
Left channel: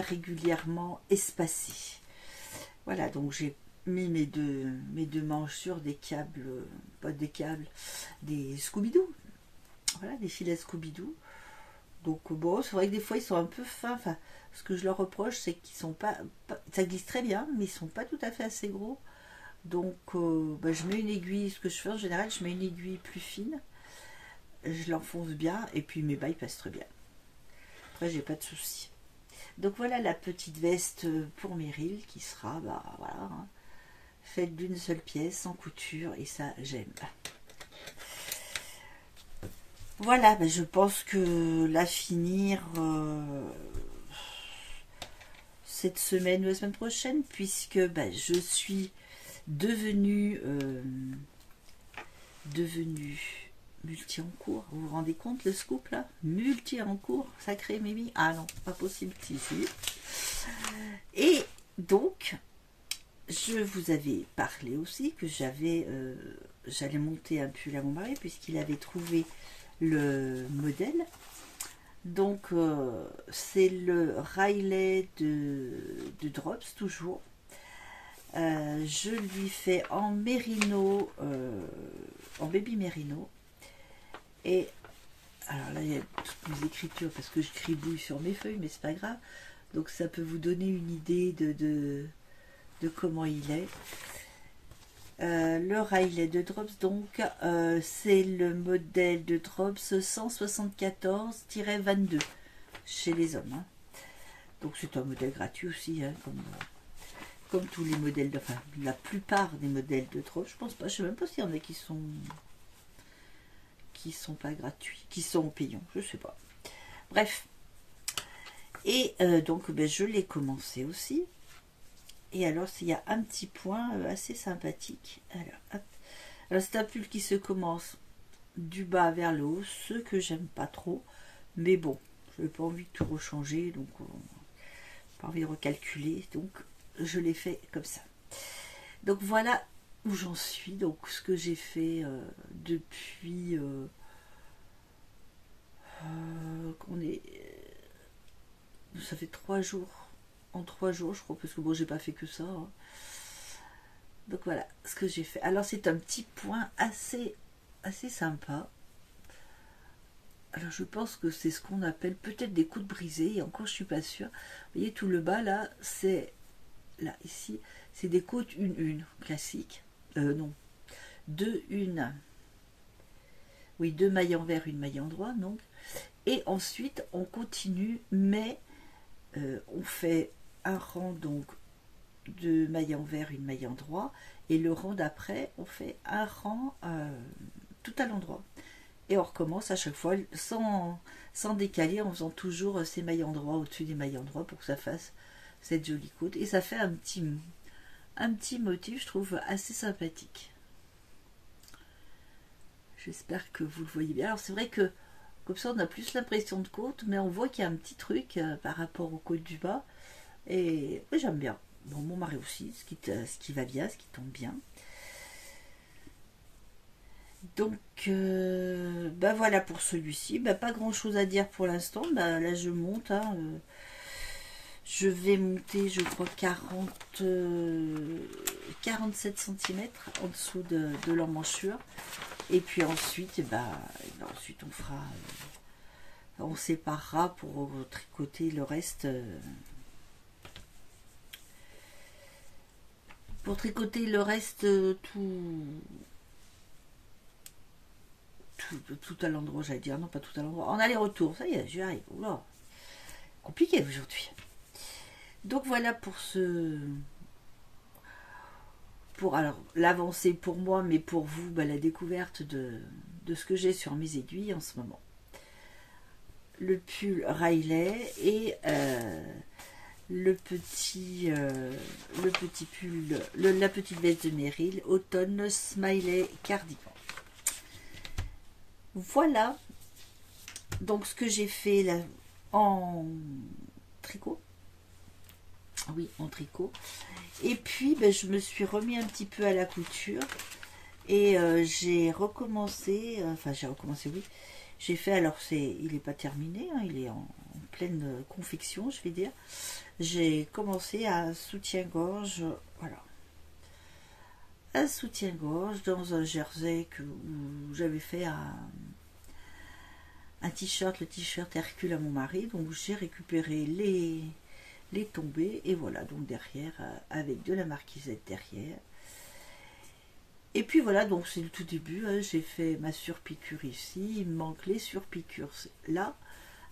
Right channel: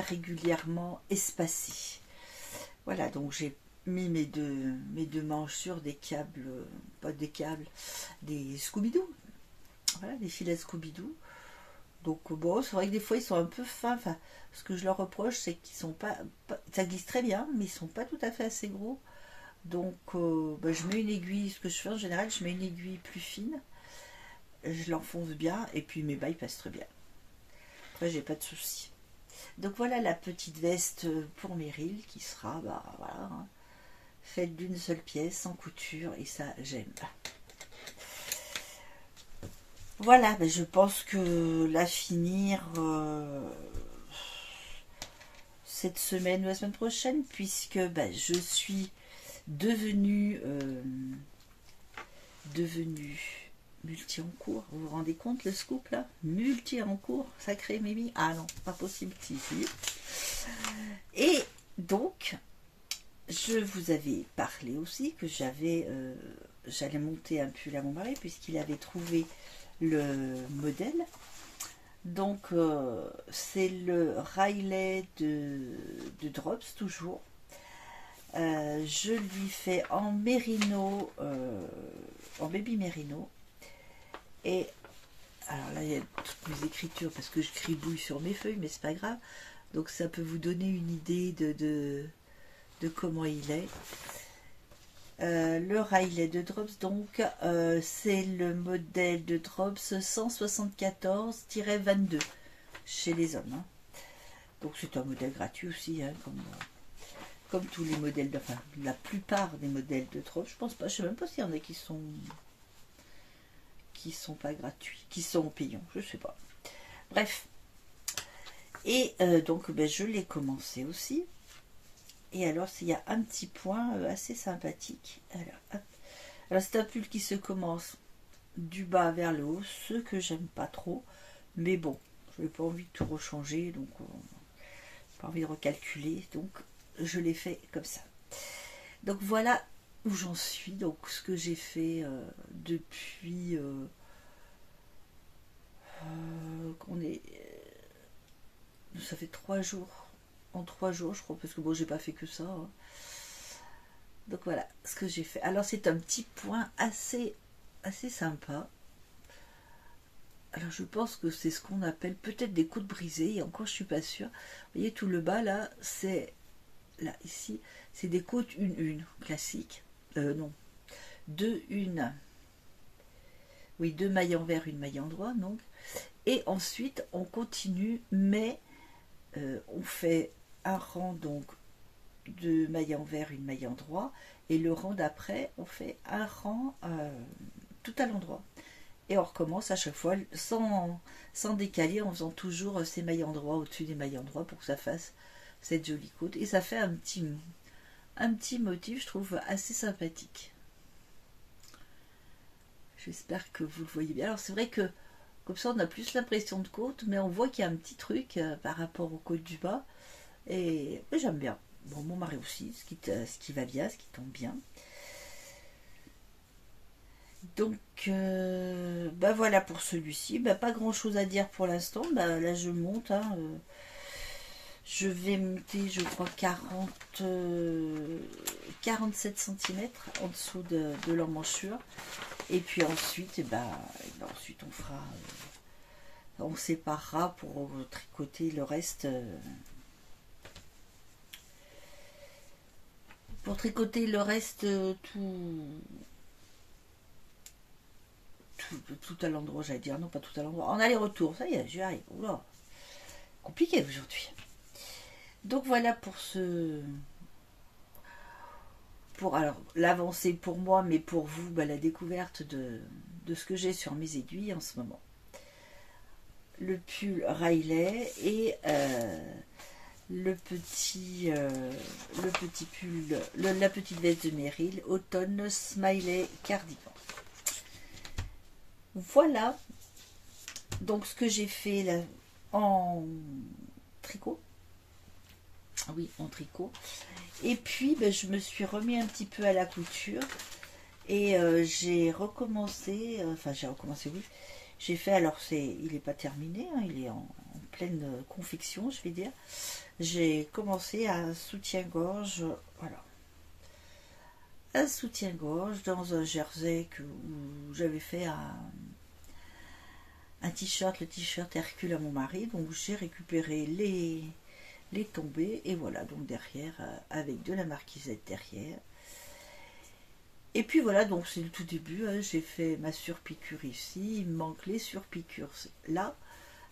régulièrement espacés. Voilà, donc j'ai mis mes deux manches sur des câbles, pas des câbles, des Scooby-Doo. Voilà, des filets Scooby-Doo. Donc bon, c'est vrai que des fois ils sont un peu fins. Enfin, ce que je leur reproche, c'est qu'ils sont pas, ça glisse très bien, mais ils sont pas tout à fait assez gros. Donc je mets une aiguille. Ce que je fais en général, je mets une aiguille plus fine. Je l'enfonce bien et puis mes bails passent très bien. Après, j'ai pas de soucis. Donc voilà la petite veste pour Meryl qui sera, voilà, hein, faite d'une seule pièce, sans couture, et ça j'aime. Voilà, je pense que la finir cette semaine ou la semaine prochaine, puisque je suis devenue multi en cours. Vous vous rendez compte le scoop là? Multi en cours, sacré Mimi. Ah non, pas possible, si. Et donc je vous avais parlé aussi que j'allais monter un pull à mon mari puisqu'il avait trouvé le modèle. Donc c'est le Riley de Drops toujours. Je lui fais en mérino, en baby mérino. Et alors là il y a toutes mes écritures parce que je cribouille sur mes feuilles, mais c'est pas grave. Donc ça peut vous donner une idée de comment il est. Le Riley de Drops, donc c'est le modèle de Drops 174-22 chez les hommes. Hein. Donc c'est un modèle gratuit aussi, hein, comme tous les modèles, enfin la plupart des modèles de Drops. Je pense pas, je sais même pas s'il y en a qui sont pas gratuits, qui sont payants, je sais pas. Bref. Et donc ben, je l'ai commencé aussi. Et alors, il y a un petit point assez sympathique. Alors c'est un pull qui se commence du bas vers le haut, ce que j'aime pas trop. Mais bon, je n'ai pas envie de tout rechanger, donc pas envie de recalculer. Donc, je l'ai fait comme ça. Donc, voilà où j'en suis. Donc, ce que j'ai fait depuis... ça fait 3 jours. En 3 jours, je crois, parce que bon, j'ai pas fait que ça. Hein. Donc voilà ce que j'ai fait. Alors c'est un petit point assez sympa. Alors je pense que c'est ce qu'on appelle peut-être des coudes brisés. Et encore, je suis pas sûre. Vous voyez tout le bas là, c'est là ici, c'est des côtes 1-1 classiques. Non, 2-1. Oui, 2 mailles envers, une maille endroit donc. Et ensuite on continue, mais on fait un rang donc de maille envers, une maille endroit, et le rang d'après on fait un rang tout à l'endroit, et on recommence à chaque fois sans décaler, en faisant toujours ces mailles endroit au-dessus des mailles endroit pour que ça fasse cette jolie côte, et ça fait un petit motif, je trouve assez sympathique. J'espère que vous le voyez bien. Alors c'est vrai que comme ça on a plus l'impression de côte, mais on voit qu'il y a un petit truc par rapport aux côtes du bas, et j'aime bien. Bon, mon mari aussi, ce qui va bien, ce qui tombe bien. Donc, bah voilà pour celui-ci. Bah, pas grand-chose à dire pour l'instant. Bah, là, je monte. Hein, je vais monter, je crois, 47 cm en dessous de l'emmanchure. Et puis ensuite, ensuite on fera... on séparera pour tricoter le reste... pour tricoter le reste tout à l'endroit, j'allais dire, non pas tout à l'endroit, en aller-retour, ça y est, j'y arrive. Oula, compliqué aujourd'hui. Donc voilà pour alors l'avancée pour moi, mais pour vous, la découverte de ce que j'ai sur mes aiguilles en ce moment. Le pull Riley et le petit pull, la petite veste de Merrill, automne smiley cardigan. Voilà donc ce que j'ai fait là en tricot. Oui, en tricot. Et puis je me suis remis un petit peu à la couture et j'ai recommencé, oui. J'ai fait, alors il n'est pas terminé, hein, il est en pleine confection, je vais dire. J'ai commencé à soutien-gorge, voilà. Un soutien-gorge dans un jersey où j'avais fait un t-shirt, le t-shirt Hercule à mon mari. Donc j'ai récupéré les tombées et voilà, donc derrière, avec de la marquisette derrière. Et puis voilà, donc c'est le tout début, hein, j'ai fait ma surpiqûre ici, il me manque les surpiqûres là,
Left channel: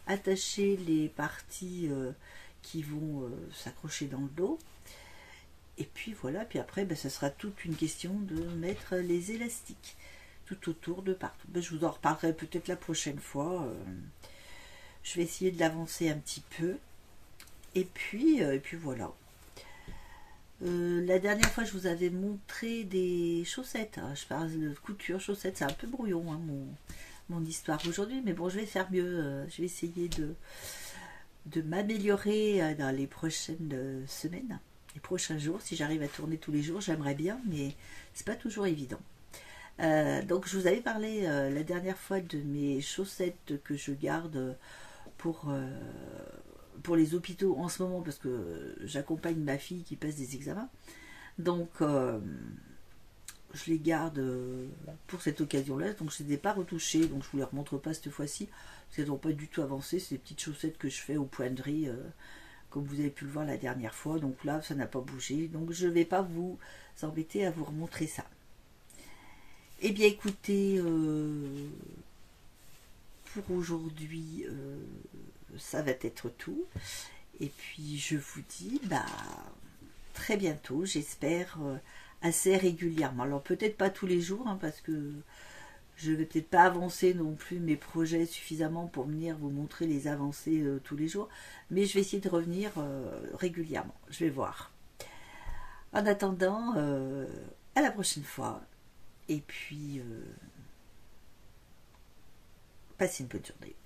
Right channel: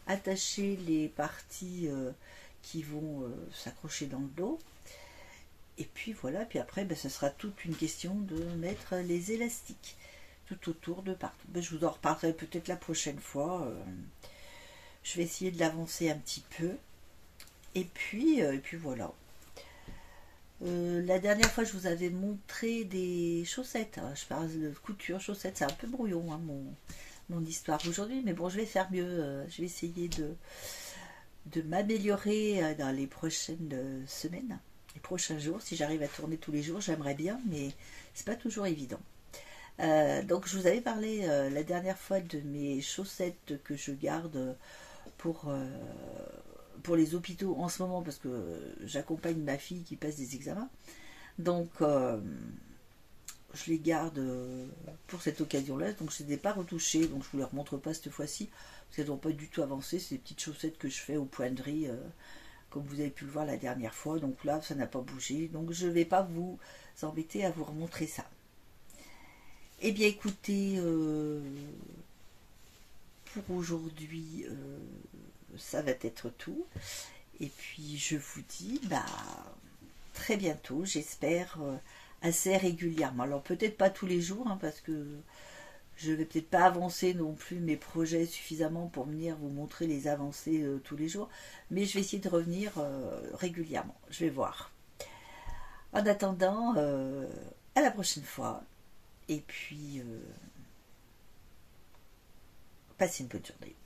attacher les parties qui vont s'accrocher dans le dos. Et puis voilà, puis après, ça sera toute une question de mettre les élastiques tout autour de partout. Je vous en reparlerai peut-être la prochaine fois. Je vais essayer de l'avancer un petit peu. Et puis voilà. La dernière fois, je vous avais montré des chaussettes. Je parle de couture, chaussettes, c'est un peu brouillon, hein, mon histoire aujourd'hui. Mais bon, je vais faire mieux. Je vais essayer de m'améliorer dans les prochaines semaines. les prochains jours. Si j'arrive à tourner tous les jours, j'aimerais bien, mais c'est pas toujours évident. Donc je vous avais parlé la dernière fois de mes chaussettes que je garde pour les hôpitaux en ce moment, parce que j'accompagne ma fille qui passe des examens. Donc je les garde pour cette occasion-là, donc je ne les ai pas retouchées, donc je ne vous les remontre pas cette fois-ci, parce qu'elles n'ont pas du tout avancé. C'est des petites chaussettes que je fais au point de riz, comme vous avez pu le voir la dernière fois, donc là ça n'a pas bougé, donc je ne vais pas vous embêter à vous remontrer ça. Eh bien écoutez, pour aujourd'hui, ça va être tout, et puis je vous dis très bientôt, j'espère, assez régulièrement. Alors peut-être pas tous les jours, hein, parce que je vais peut-être pas avancer non plus mes projets suffisamment pour venir vous montrer les avancées tous les jours, mais je vais essayer de revenir régulièrement, je vais voir. En attendant, à la prochaine fois, et puis passez une bonne journée.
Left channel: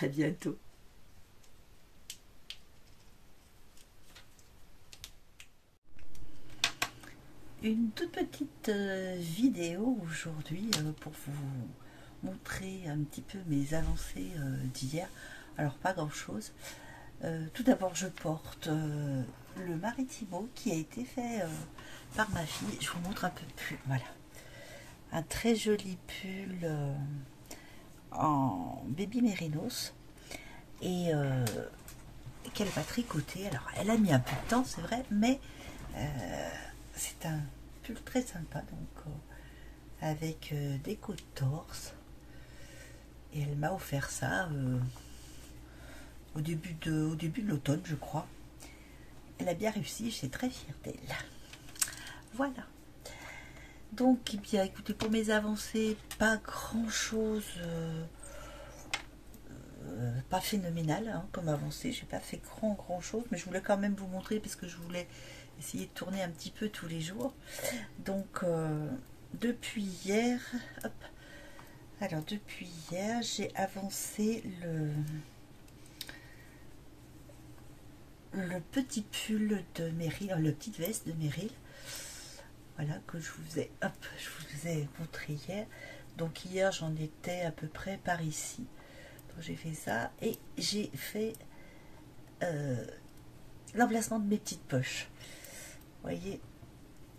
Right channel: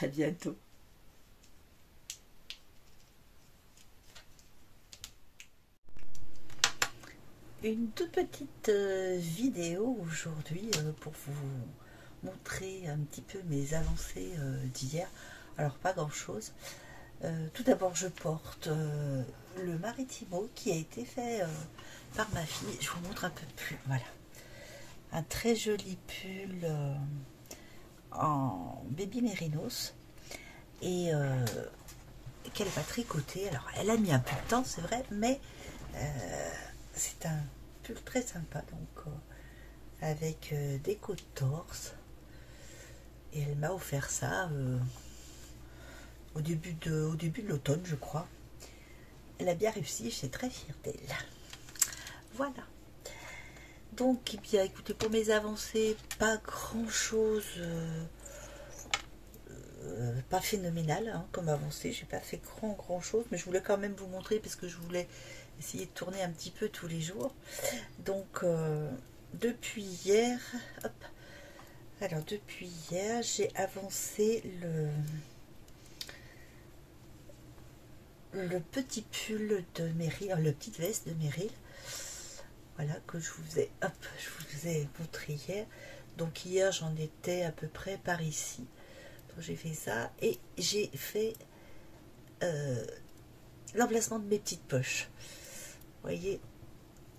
À bientôt. Une toute petite vidéo aujourd'hui pour vous montrer un petit peu mes avancées d'hier. Alors pas grand chose. Tout d'abord je porte le Maritimo qui a été fait par ma fille. Je vous montre un peu plus. Voilà. Un très joli pull en baby mérinos et qu'elle va tricoter. Alors elle a mis un peu de temps, c'est vrai, mais c'est un pull très sympa, donc avec des côtes torse, et elle m'a offert ça au début de l'automne, je crois. Elle a bien réussi, j'étais très fière d'elle. Voilà. Donc, eh bien, écoutez, pour mes avancées, pas grand chose, pas phénoménal hein, comme avancée. J'ai pas fait grand chose, mais je voulais quand même vous montrer parce que je voulais essayer de tourner un petit peu tous les jours. Donc depuis hier, hop, alors depuis hier, j'ai avancé le petit pull de Meryl, le petite veste de Meryl, voilà, que je vous ai montré hier. Donc hier j'en étais à peu près par ici. Donc j'ai fait ça et j'ai fait l'emplacement de mes petites poches. Vous voyez,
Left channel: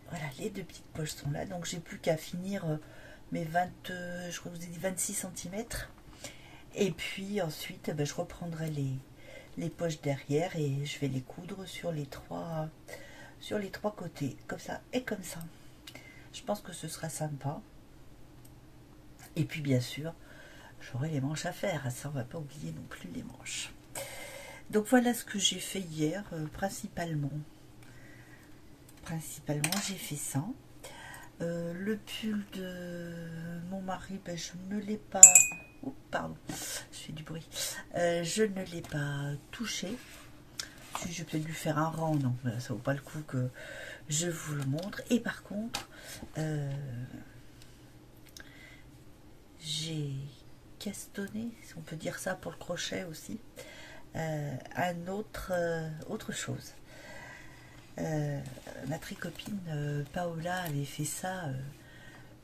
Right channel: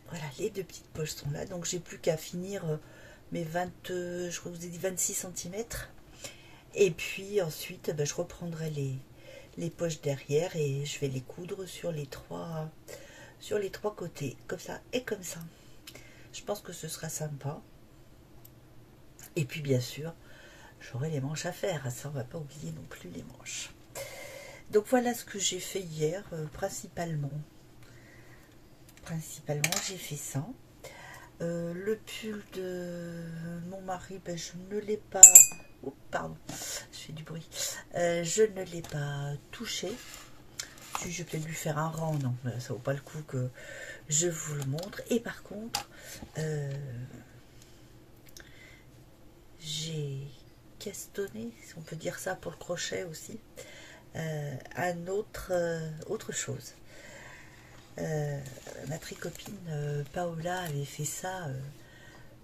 voilà, les deux petites poches sont là, donc j'ai plus qu'à finir mes 20, je crois que je vous ai dit 26 cm. Et puis ensuite, je reprendrai les poches derrière et je vais les coudre sur les trois côtés, comme ça et comme ça. Je pense que ce sera sympa. Et puis bien sûr, j'aurai les manches à faire, ça on va pas oublier non plus les manches. Donc voilà ce que j'ai fait hier, principalement j'ai fait ça. Le pull de mon mari, je ne l'ai pas... Oh, pardon, je fais du bruit. Je ne l'ai pas touché. Si je vais peut-être lui faire un rang, non, ça vaut pas le coup que je vous le montre. Et par contre, j'ai castonné, si on peut dire ça pour le crochet aussi, autre chose. Ma tricopine Paola avait fait ça,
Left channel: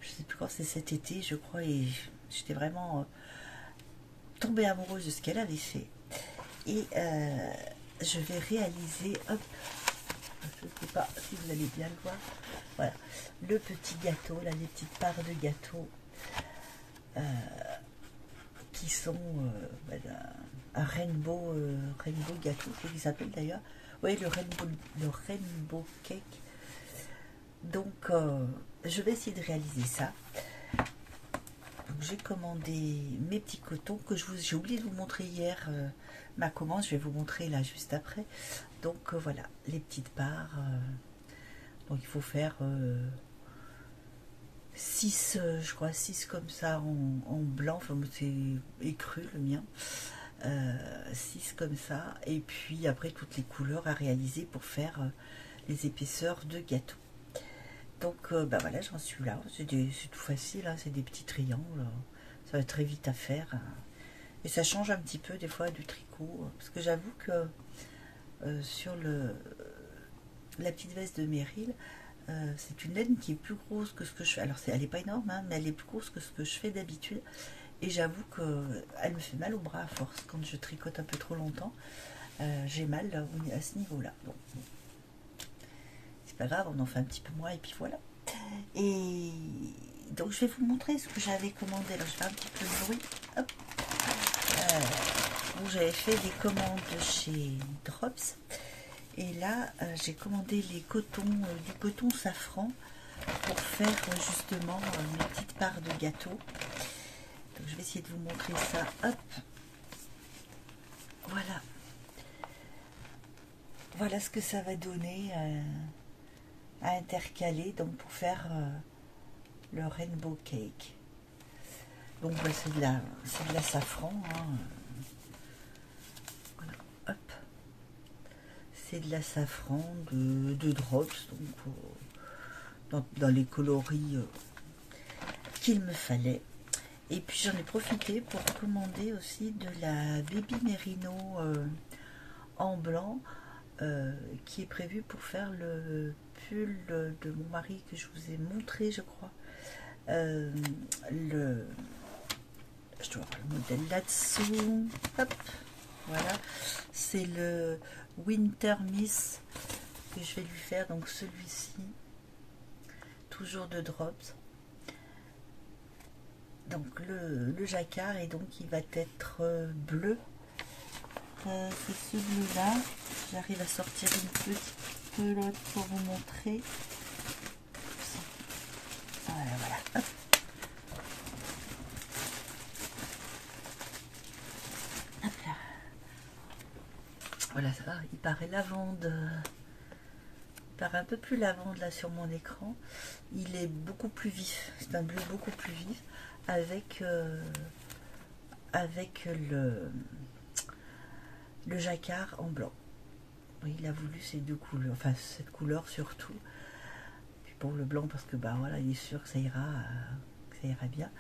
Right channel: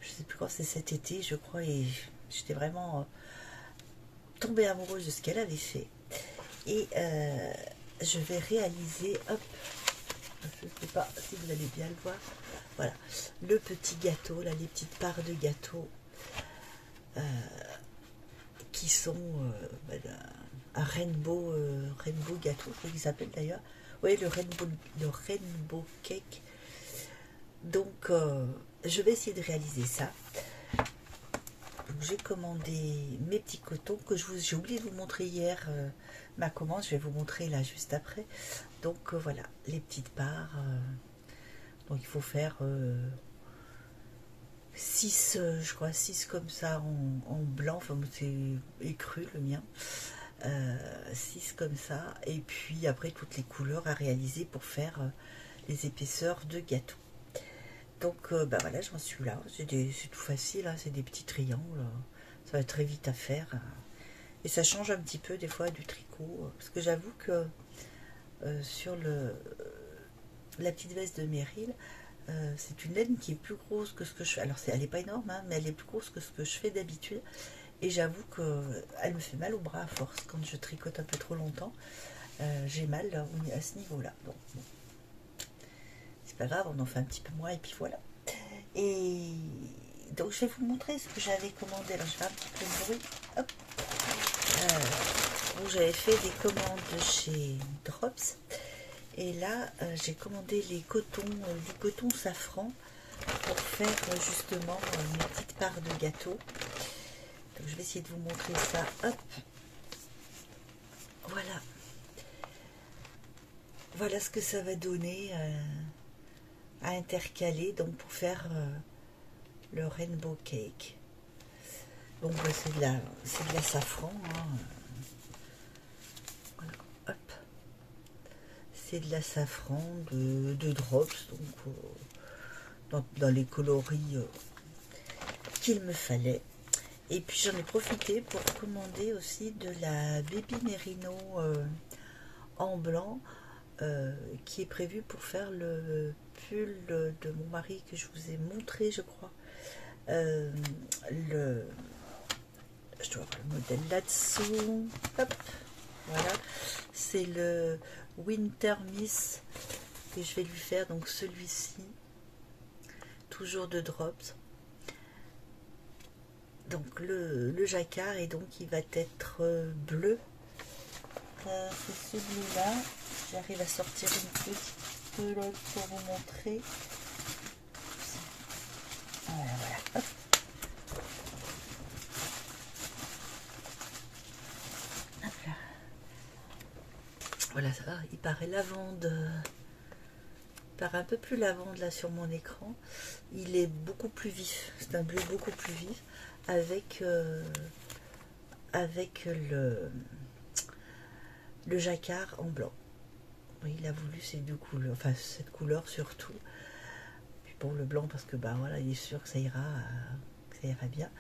je sais plus quand, c'est cet été je crois, et j'étais vraiment tombée amoureuse de ce qu'elle avait fait. Et je vais réaliser, hop, je ne sais pas si vous allez bien le voir, voilà, le petit gâteau, là, les petites parts de gâteau qui sont un rainbow gâteau, je crois qu'il s'appelle d'ailleurs. Oui, le rainbow cake. Donc, je vais essayer de réaliser ça. J'ai commandé mes petits cotons que j'ai oublié de vous montrer hier. Ma commande, je vais vous montrer là juste après. Donc, voilà, les petites parts. Donc, il faut faire 6, je crois, 6 comme ça en blanc. Enfin, c'est écru le mien. 6 comme ça, et puis après toutes les couleurs à réaliser pour faire les épaisseurs de gâteau. Donc voilà, j'en suis là, c'est tout facile, hein, c'est des petits triangles, ça va très vite à faire, et ça change un petit peu des fois du tricot, parce que j'avoue que sur la petite veste de Meryl, c'est une laine qui est plus grosse que ce que je fais. Alors elle n'est pas énorme, hein, mais elle est plus grosse que ce que je fais d'habitude. Et j'avoue qu'elle me fait mal au bras à force quand je tricote un peu trop longtemps. J'ai mal à ce niveau-là. Donc bon, c'est pas grave, on en fait un petit peu moins et puis voilà. Et donc je vais vous montrer ce que j'avais commandé. Alors je vais faire un petit peu de bruit. Hop. Donc j'avais fait des commandes chez Drops. Et là, j'ai commandé les cotons, du coton safran pour faire justement mes petites parts de gâteau. Donc je vais essayer de vous montrer ça. Hop. Voilà. Voilà ce que ça va donner à intercaler donc pour faire le rainbow cake. Donc bah, c'est de la safran. Hein. Voilà. Hop. C'est de la safran de Drops, donc dans les coloris qu'il me fallait. Et puis j'en ai profité pour commander aussi de la Baby Merino en blanc qui est prévu pour faire le pull de mon mari que je vous ai montré, je crois. Je dois avoir le modèle là-dessous. Hop, voilà. C'est le Winter Miss que je vais lui faire, donc celui-ci, toujours de Drops. Donc le jacquard, et donc il va être bleu. C'est celui-là. J'arrive à sortir une petite pelote pour vous montrer. Voilà, voilà. Hop. Hop là. Voilà, ça va. Il paraît lavande. Il paraît un peu plus lavande là sur mon écran. Il est beaucoup plus vif. C'est un bleu beaucoup plus vif avec le jacquard en blanc. Oui, il a voulu ces deux couleurs, enfin cette couleur surtout. Puis pour le blanc parce que bah voilà, il est sûr que ça ira bien.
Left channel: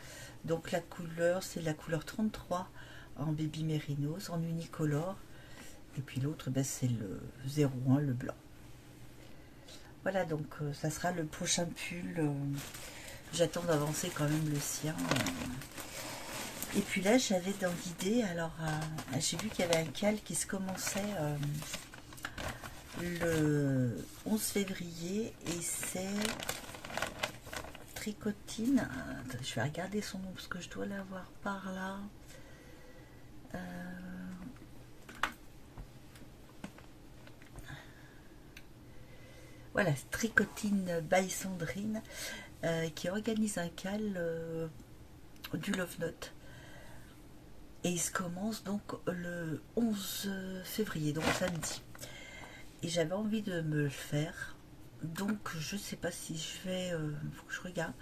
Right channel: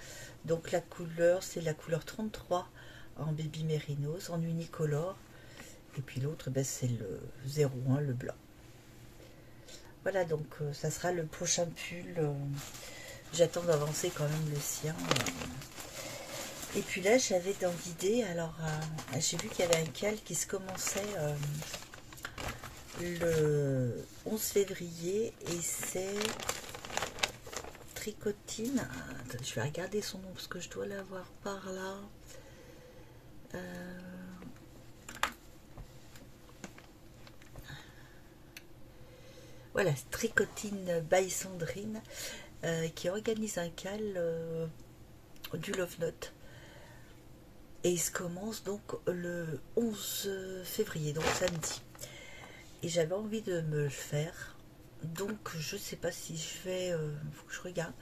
Donc la couleur, c'est la couleur 33 en Baby Merinos, en unicolore. Et puis l'autre, ben, c'est le 01, le blanc. Voilà, donc ça sera le prochain pull. J'attends d'avancer quand même le sien. Et puis là, j'avais dans l'idée, alors j'ai vu qu'il y avait un cal qui se commençait le 11 février et c'est Tricotine. Attends, je vais regarder son nom parce que je dois l'avoir par là. Voilà, Tricotine by Sandrine qui organise un cal du Love Note. Et il se commence donc le 11 février, donc samedi. Et j'avais envie de me le faire. Donc je sais pas si je vais... faut que je regarde.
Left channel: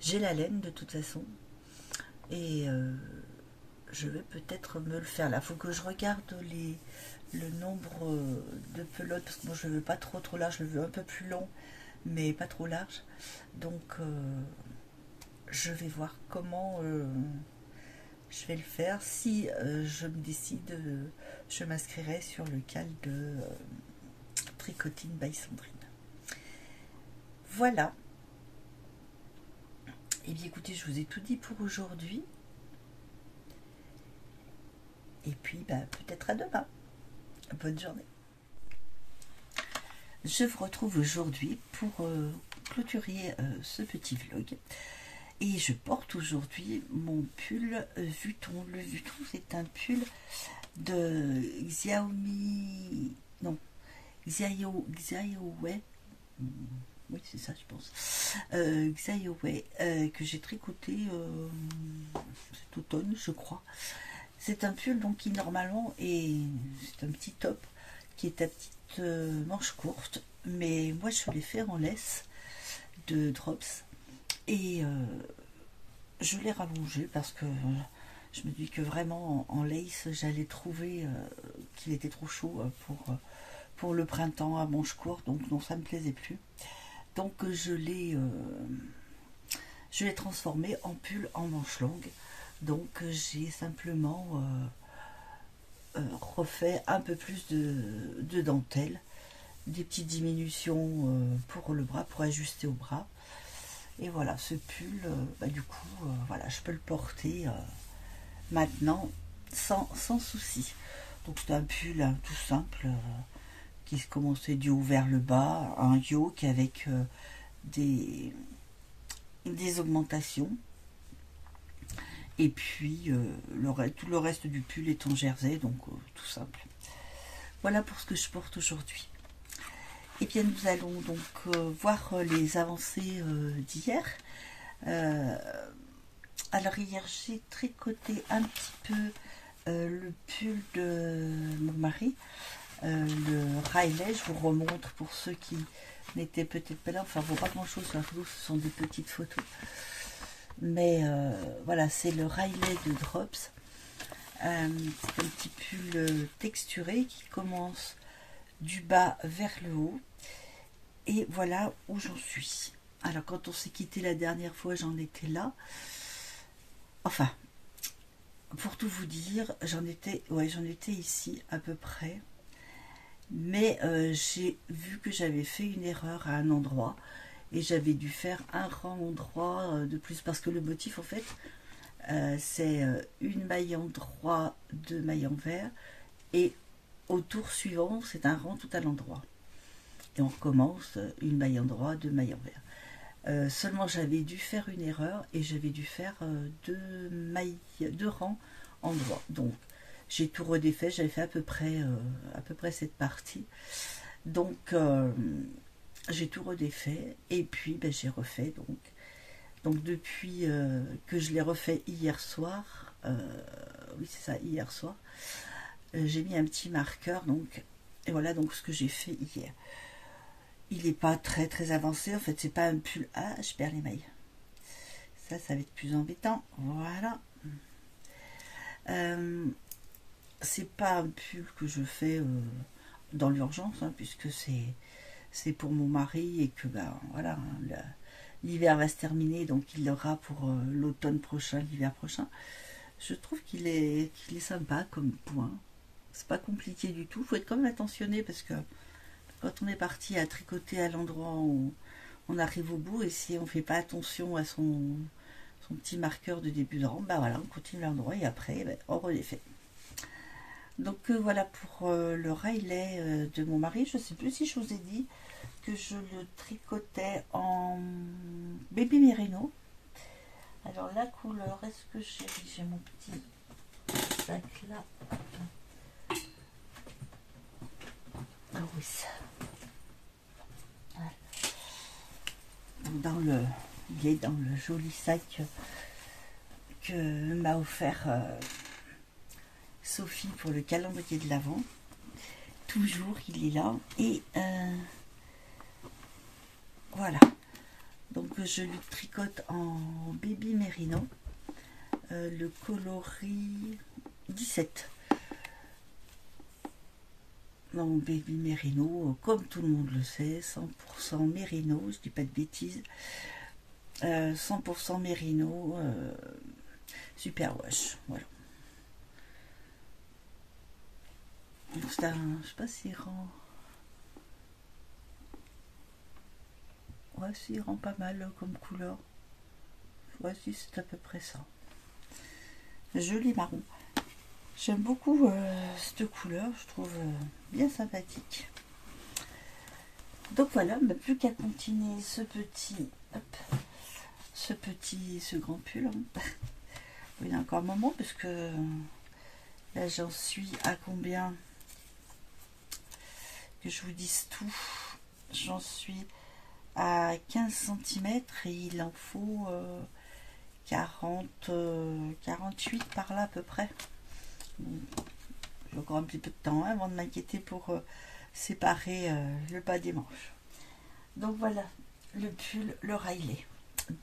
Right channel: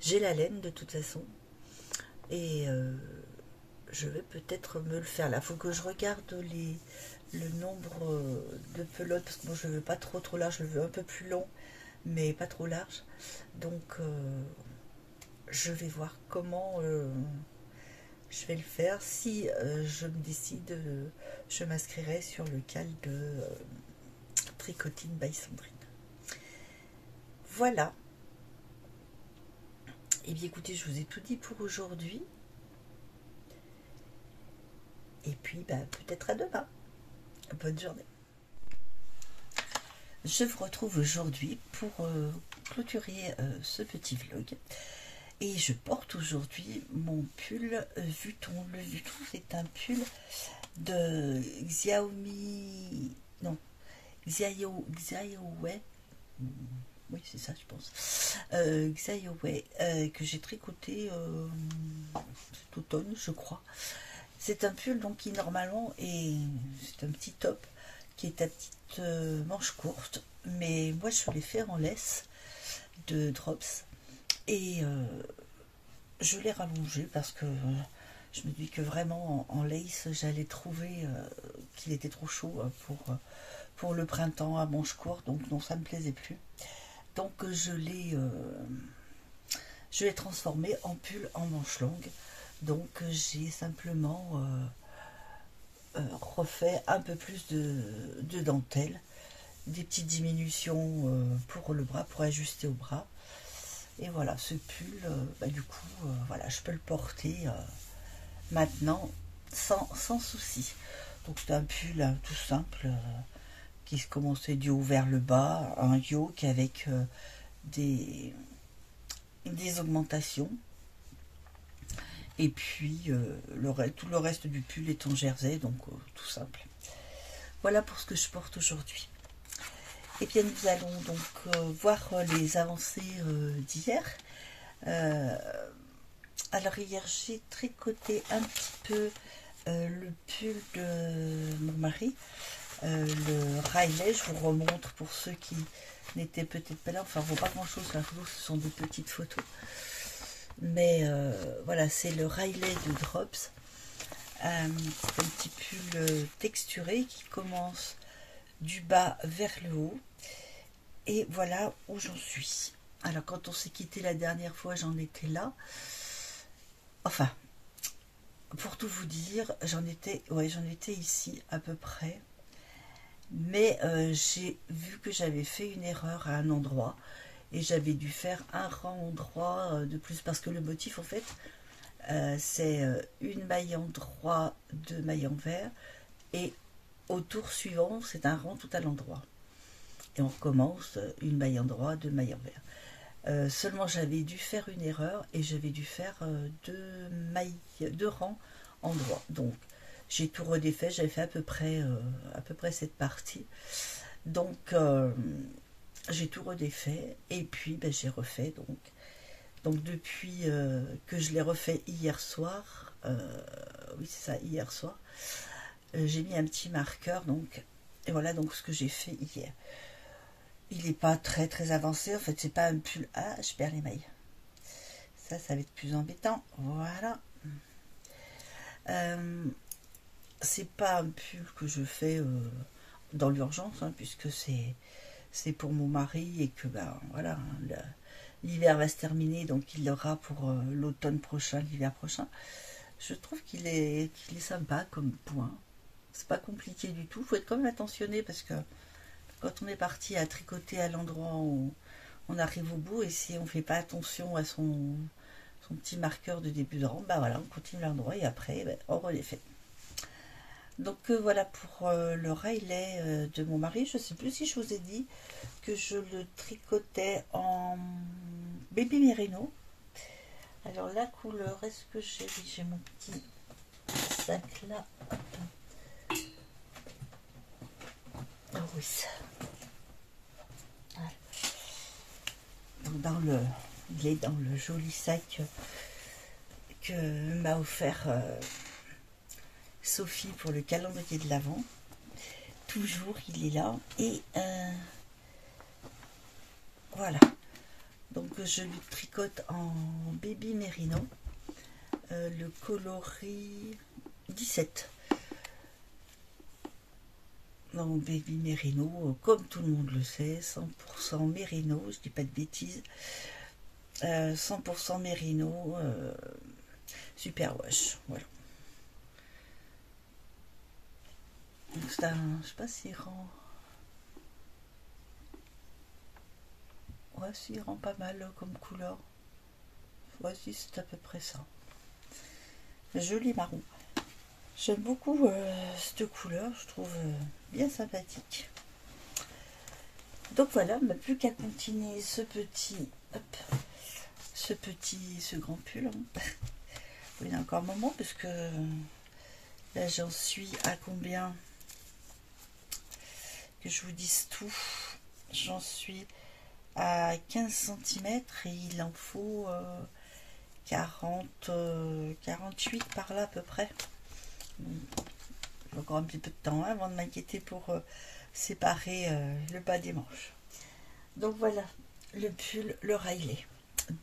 J'ai la laine de toute façon. Et je vais peut-être me le faire. Là, faut que je regarde le nombre de pelotes. Parce que moi je le veux pas trop large. Je le veux un peu plus long. Mais pas trop large. Donc je vais voir comment... je vais le faire. Si je me décide, je m'inscrirai sur le cal de Tricotine by Sandrine. Voilà. Et bien écoutez, je vous ai tout dit pour aujourd'hui. Et puis bah, peut-être à demain. Bonne journée. Je vous retrouve aujourd'hui pour clôturer ce petit vlog. Et je porte aujourd'hui mon pull Vuitton. Le Vuitton, c'est un pull de Xiaomi... Non, Xiaowei. Oui, c'est ça, je pense. Xiaowei, que j'ai tricoté cet automne, je crois. C'est un pull donc qui normalement est... C'est un petit top qui est à petite manche courte. Mais moi, je l'ai fait en laisse de Drops. Et je l'ai rallongé parce que je me dis que vraiment en lace j'allais trouver qu'il était trop chaud pour le printemps à manches courtes, donc non, ça me plaisait plus. Donc je l'ai transformé en pull en manches longues. Donc j'ai simplement refait un peu plus de dentelle des petites diminutions pour le bras, pour ajuster au bras. Et voilà, ce pull, du coup, voilà, je peux le porter maintenant sans souci. Donc c'est un pull tout simple qui se commençait du haut vers le bas, un yoke avec des augmentations. Et puis tout le reste du pull est en jersey, donc tout simple. Voilà pour ce que je porte aujourd'hui. Et bien nous allons donc voir les avancées d'hier. Alors hier j'ai tricoté un petit peu le pull de mon mari, le Riley. Je vous remontre pour ceux qui n'étaient peut-être pas là. Enfin, on ne voit pas grand chose sur la photo, ce sont des petites photos. Mais voilà, c'est le Riley de Drops. C'est un petit pull texturé qui commence du bas vers le haut. Et voilà où j'en suis. Alors quand on s'est quitté la dernière fois, j'en étais là. Enfin, pour tout vous dire, j'en étais ici à peu près. Mais j'ai vu que j'avais fait une erreur à un endroit. Et j'avais dû faire un rang droit de plus. Parce que le motif, en fait, c'est une maille en droit, deux mailles en vert. Et au tour suivant, c'est un rang tout à l'endroit. Et on recommence une maille en droit, deux mailles en vert. Seulement j'avais dû faire une erreur et j'avais dû faire deux rangs en droit. Donc j'ai tout redéfait, j'avais fait à peu près cette partie. Donc j'ai tout redéfait et puis j'ai refait. Donc depuis que je l'ai refait hier soir, oui c'est ça, hier soir, j'ai mis un petit marqueur. Donc et voilà donc ce que j'ai fait hier. Il n'est pas très avancé, en fait c'est pas un pull. Ah, je perds les mailles. Ça va être plus embêtant. Voilà. C'est pas un pull que je fais dans l'urgence, hein, puisque c'est pour mon mari et que voilà, l'hiver va se terminer, donc il l'aura pour l'automne prochain, l'hiver prochain. Je trouve qu'il est sympa comme point. C'est pas compliqué du tout. Faut être quand même attentionné parce que quand on est parti à tricoter à l'endroit où on arrive au bout, et si on ne fait pas attention à son petit marqueur de début de rang, voilà, on continue l'endroit et après, on redéfait. Donc voilà pour le Riley de mon mari. Je ne sais plus si je vous ai dit que je le tricotais en baby merino. Alors la couleur, est-ce que j'ai mon petit sac là? Oh oui, il est dans le joli sac que m'a offert Sophie pour le calendrier de l'Avent. Toujours il est là et voilà, donc je lui tricote en baby merino, le coloris 17. Mon baby merino, comme tout le monde le sait, 100% merino, je dis pas de bêtises, 100% merino, super wash, voilà. Donc c'est un, je sais pas s'il rend, ouais, s'il rend pas mal comme couleur, voici, c'est à peu près ça. Joli marron. J'aime beaucoup cette couleur, je trouve bien sympathique. Donc voilà, plus qu'à continuer ce grand pull. Hein. Il y a encore un moment, parce que là j'en suis à combien, que je vous dise tout, j'en suis à 15 cm et il en faut 48 par là à peu près. J'ai encore un petit peu de temps avant de m'inquiéter pour séparer le bas des manches. Donc voilà le pull, le Riley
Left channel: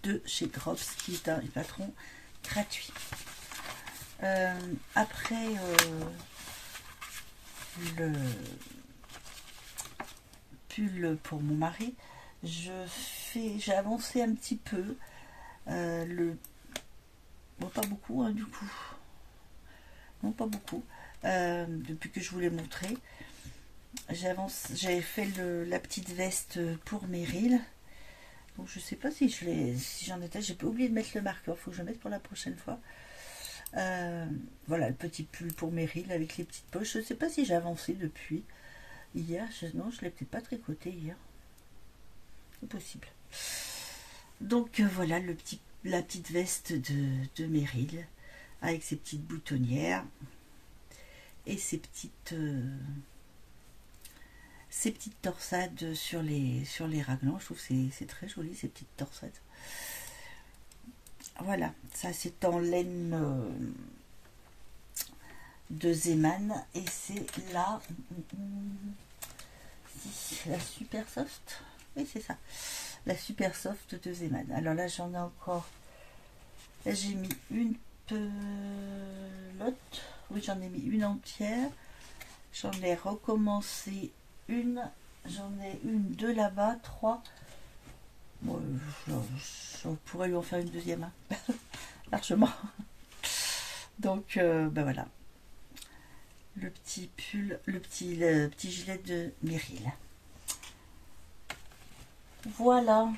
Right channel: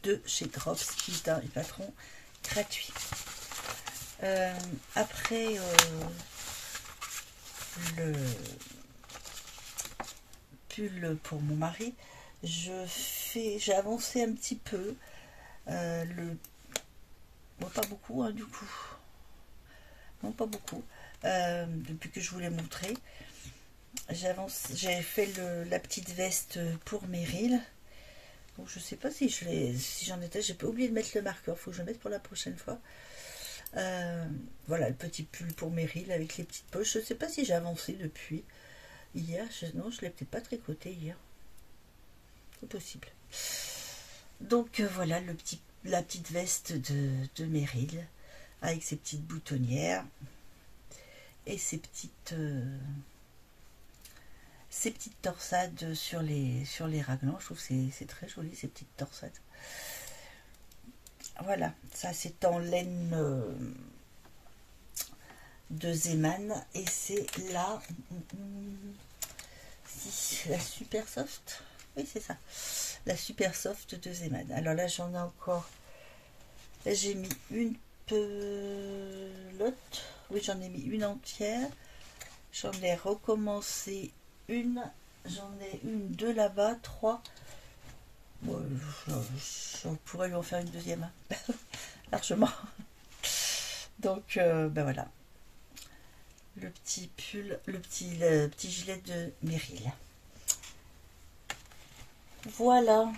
de chez Drops, qui est un patron gratuit. Après le pull pour mon mari, j'ai avancé un petit peu bon, pas beaucoup hein, du coup, non pas beaucoup, depuis que je vous l'ai montré. J'ai fait la petite veste pour Meryl. Donc je sais pas si j'en étais, j'ai pas oublié de mettre le marqueur, faut que je le mette pour la prochaine fois. Voilà le petit pull pour Meryl avec les petites poches. Je sais pas si j'ai avancé depuis hier. Non, je l'ai peut-être pas tricoté hier. C'est possible. Donc voilà la petite veste de Meryl avec ses petites boutonnières et ses petites torsades sur les raglans. Je trouve que c'est très joli ces petites torsades. Voilà, ça c'est en laine de Zeman et c'est la super soft. Oui, c'est ça, la super soft de Zeman. Alors là j'en ai encore, là j'ai mis une pelote, oui j'en ai mis une entière, j'en ai recommencé une, j'en ai une, deux là-bas, trois. Bon, on pourrait lui en faire une deuxième, hein. Largement. Donc, ben voilà. Le petit pull, le petit gilet de Meryl. Voilà.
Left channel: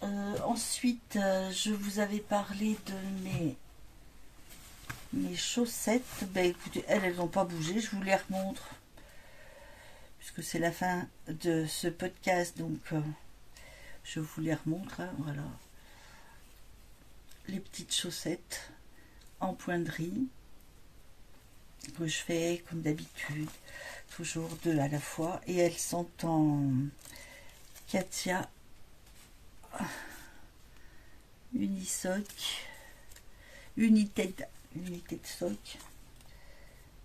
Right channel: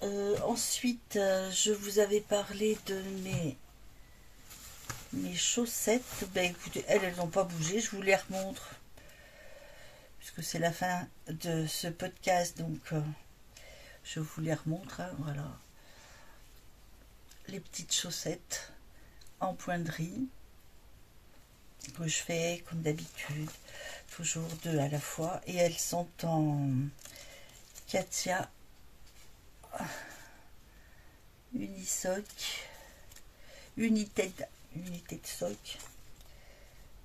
Ensuite, je vous avais parlé de mes chaussettes. Ben écoutez, elles n'ont pas bougé. Je vous les remontre. Puisque c'est la fin de ce podcast, donc... je vous les remontre, hein, voilà. Les petites chaussettes en pointerie que je fais comme d'habitude, toujours deux à la fois, et elles sont en Katia Unisoc, United Sock.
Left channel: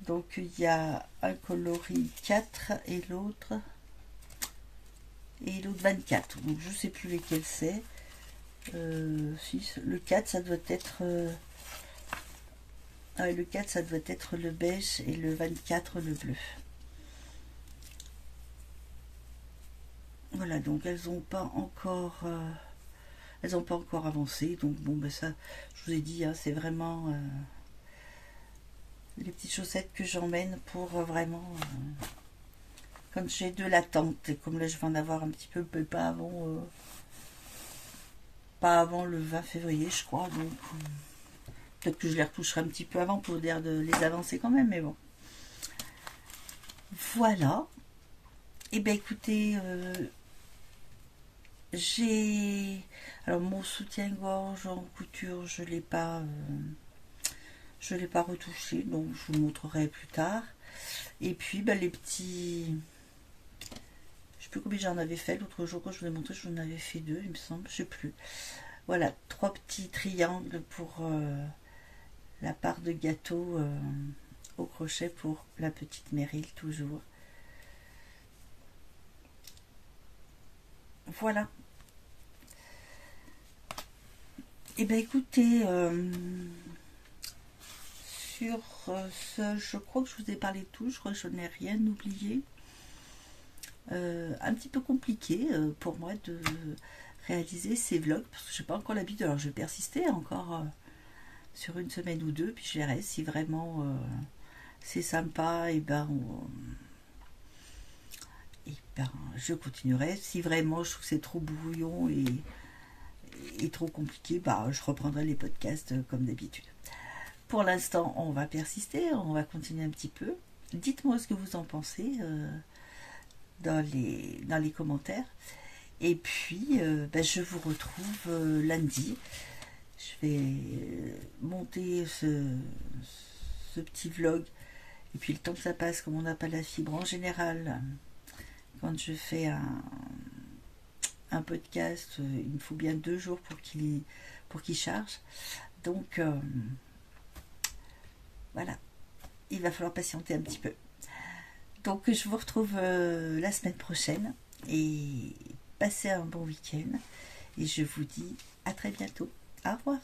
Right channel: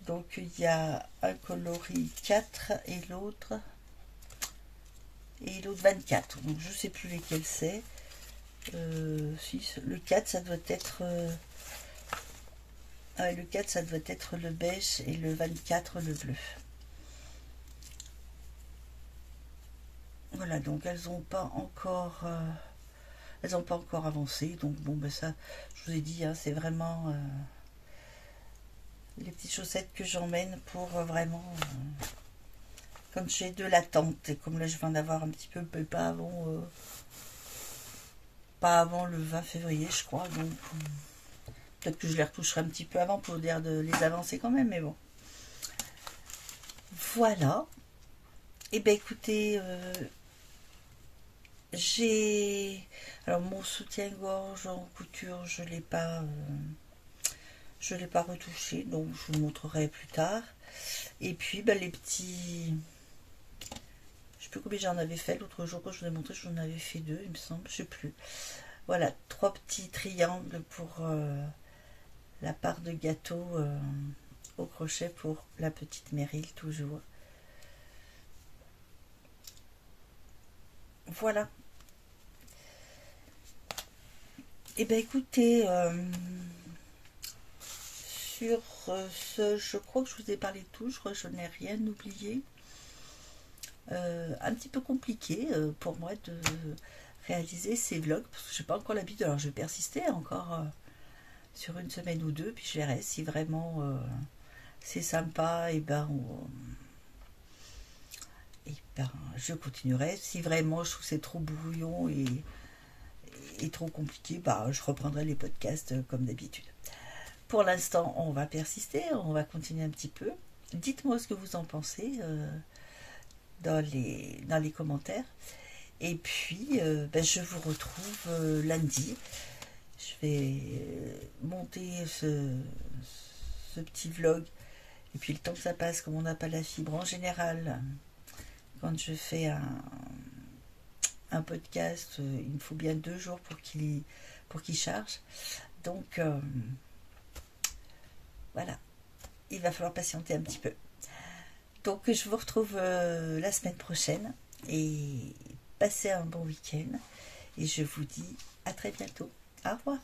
Donc il y a un coloris 4 et l'autre 24, donc je sais plus lesquels c'est. Le 4 ça doit être le 4 ça doit être le beige et le 24 le bleu. Voilà, donc elles n'ont pas encore avancé, donc bon ben ça je vous ai dit, hein, c'est vraiment les petites chaussettes que j'emmène pour vraiment quand j'ai de l'attente, et comme là je vais en avoir un petit peu, mais pas avant le 20 février je crois, donc peut-être que je les retoucherai un petit peu avant pour dire de les avancer quand même, mais bon. Voilà. Et ben écoutez, j'ai... Alors mon soutien-gorge en couture, je l'ai pas retouché, donc je vous montrerai plus tard. Et puis ben, les petits... Je sais plus combien j'en avais fait l'autre jour quand je vous ai montré, j'en avais fait 2, il me semble, je sais plus. Voilà, 3 petits triangles pour la part de gâteau au crochet pour la petite Meryl, toujours. Voilà. Et ben écoutez, sur ce, je crois que je vous ai parlé de tout, je crois que je n'ai rien oublié. Un petit peu compliqué pour moi de réaliser ces vlogs, parce que je n'ai pas encore l'habitude. Alors je vais persister encore sur une semaine ou deux, puis je verrai si vraiment c'est sympa, et ben je continuerai. Si vraiment je trouve que c'est trop brouillon et trop compliqué, bah je reprendrai les podcasts comme d'habitude. Pour l'instant, on va persister, on va continuer un petit peu. Dites-moi ce que vous en pensez dans les commentaires. Et puis, ben, je vous retrouve lundi. Je vais monter ce petit vlog. Et puis, le temps que ça passe, comme on n'a pas la fibre en général, quand je fais un podcast, il me faut bien 2 jours pour qu'il charge. Donc, voilà. Il va falloir patienter un petit peu. Donc, je vous retrouve la semaine prochaine. Et passez un bon week-end. Et je vous dis à très bientôt. Au revoir.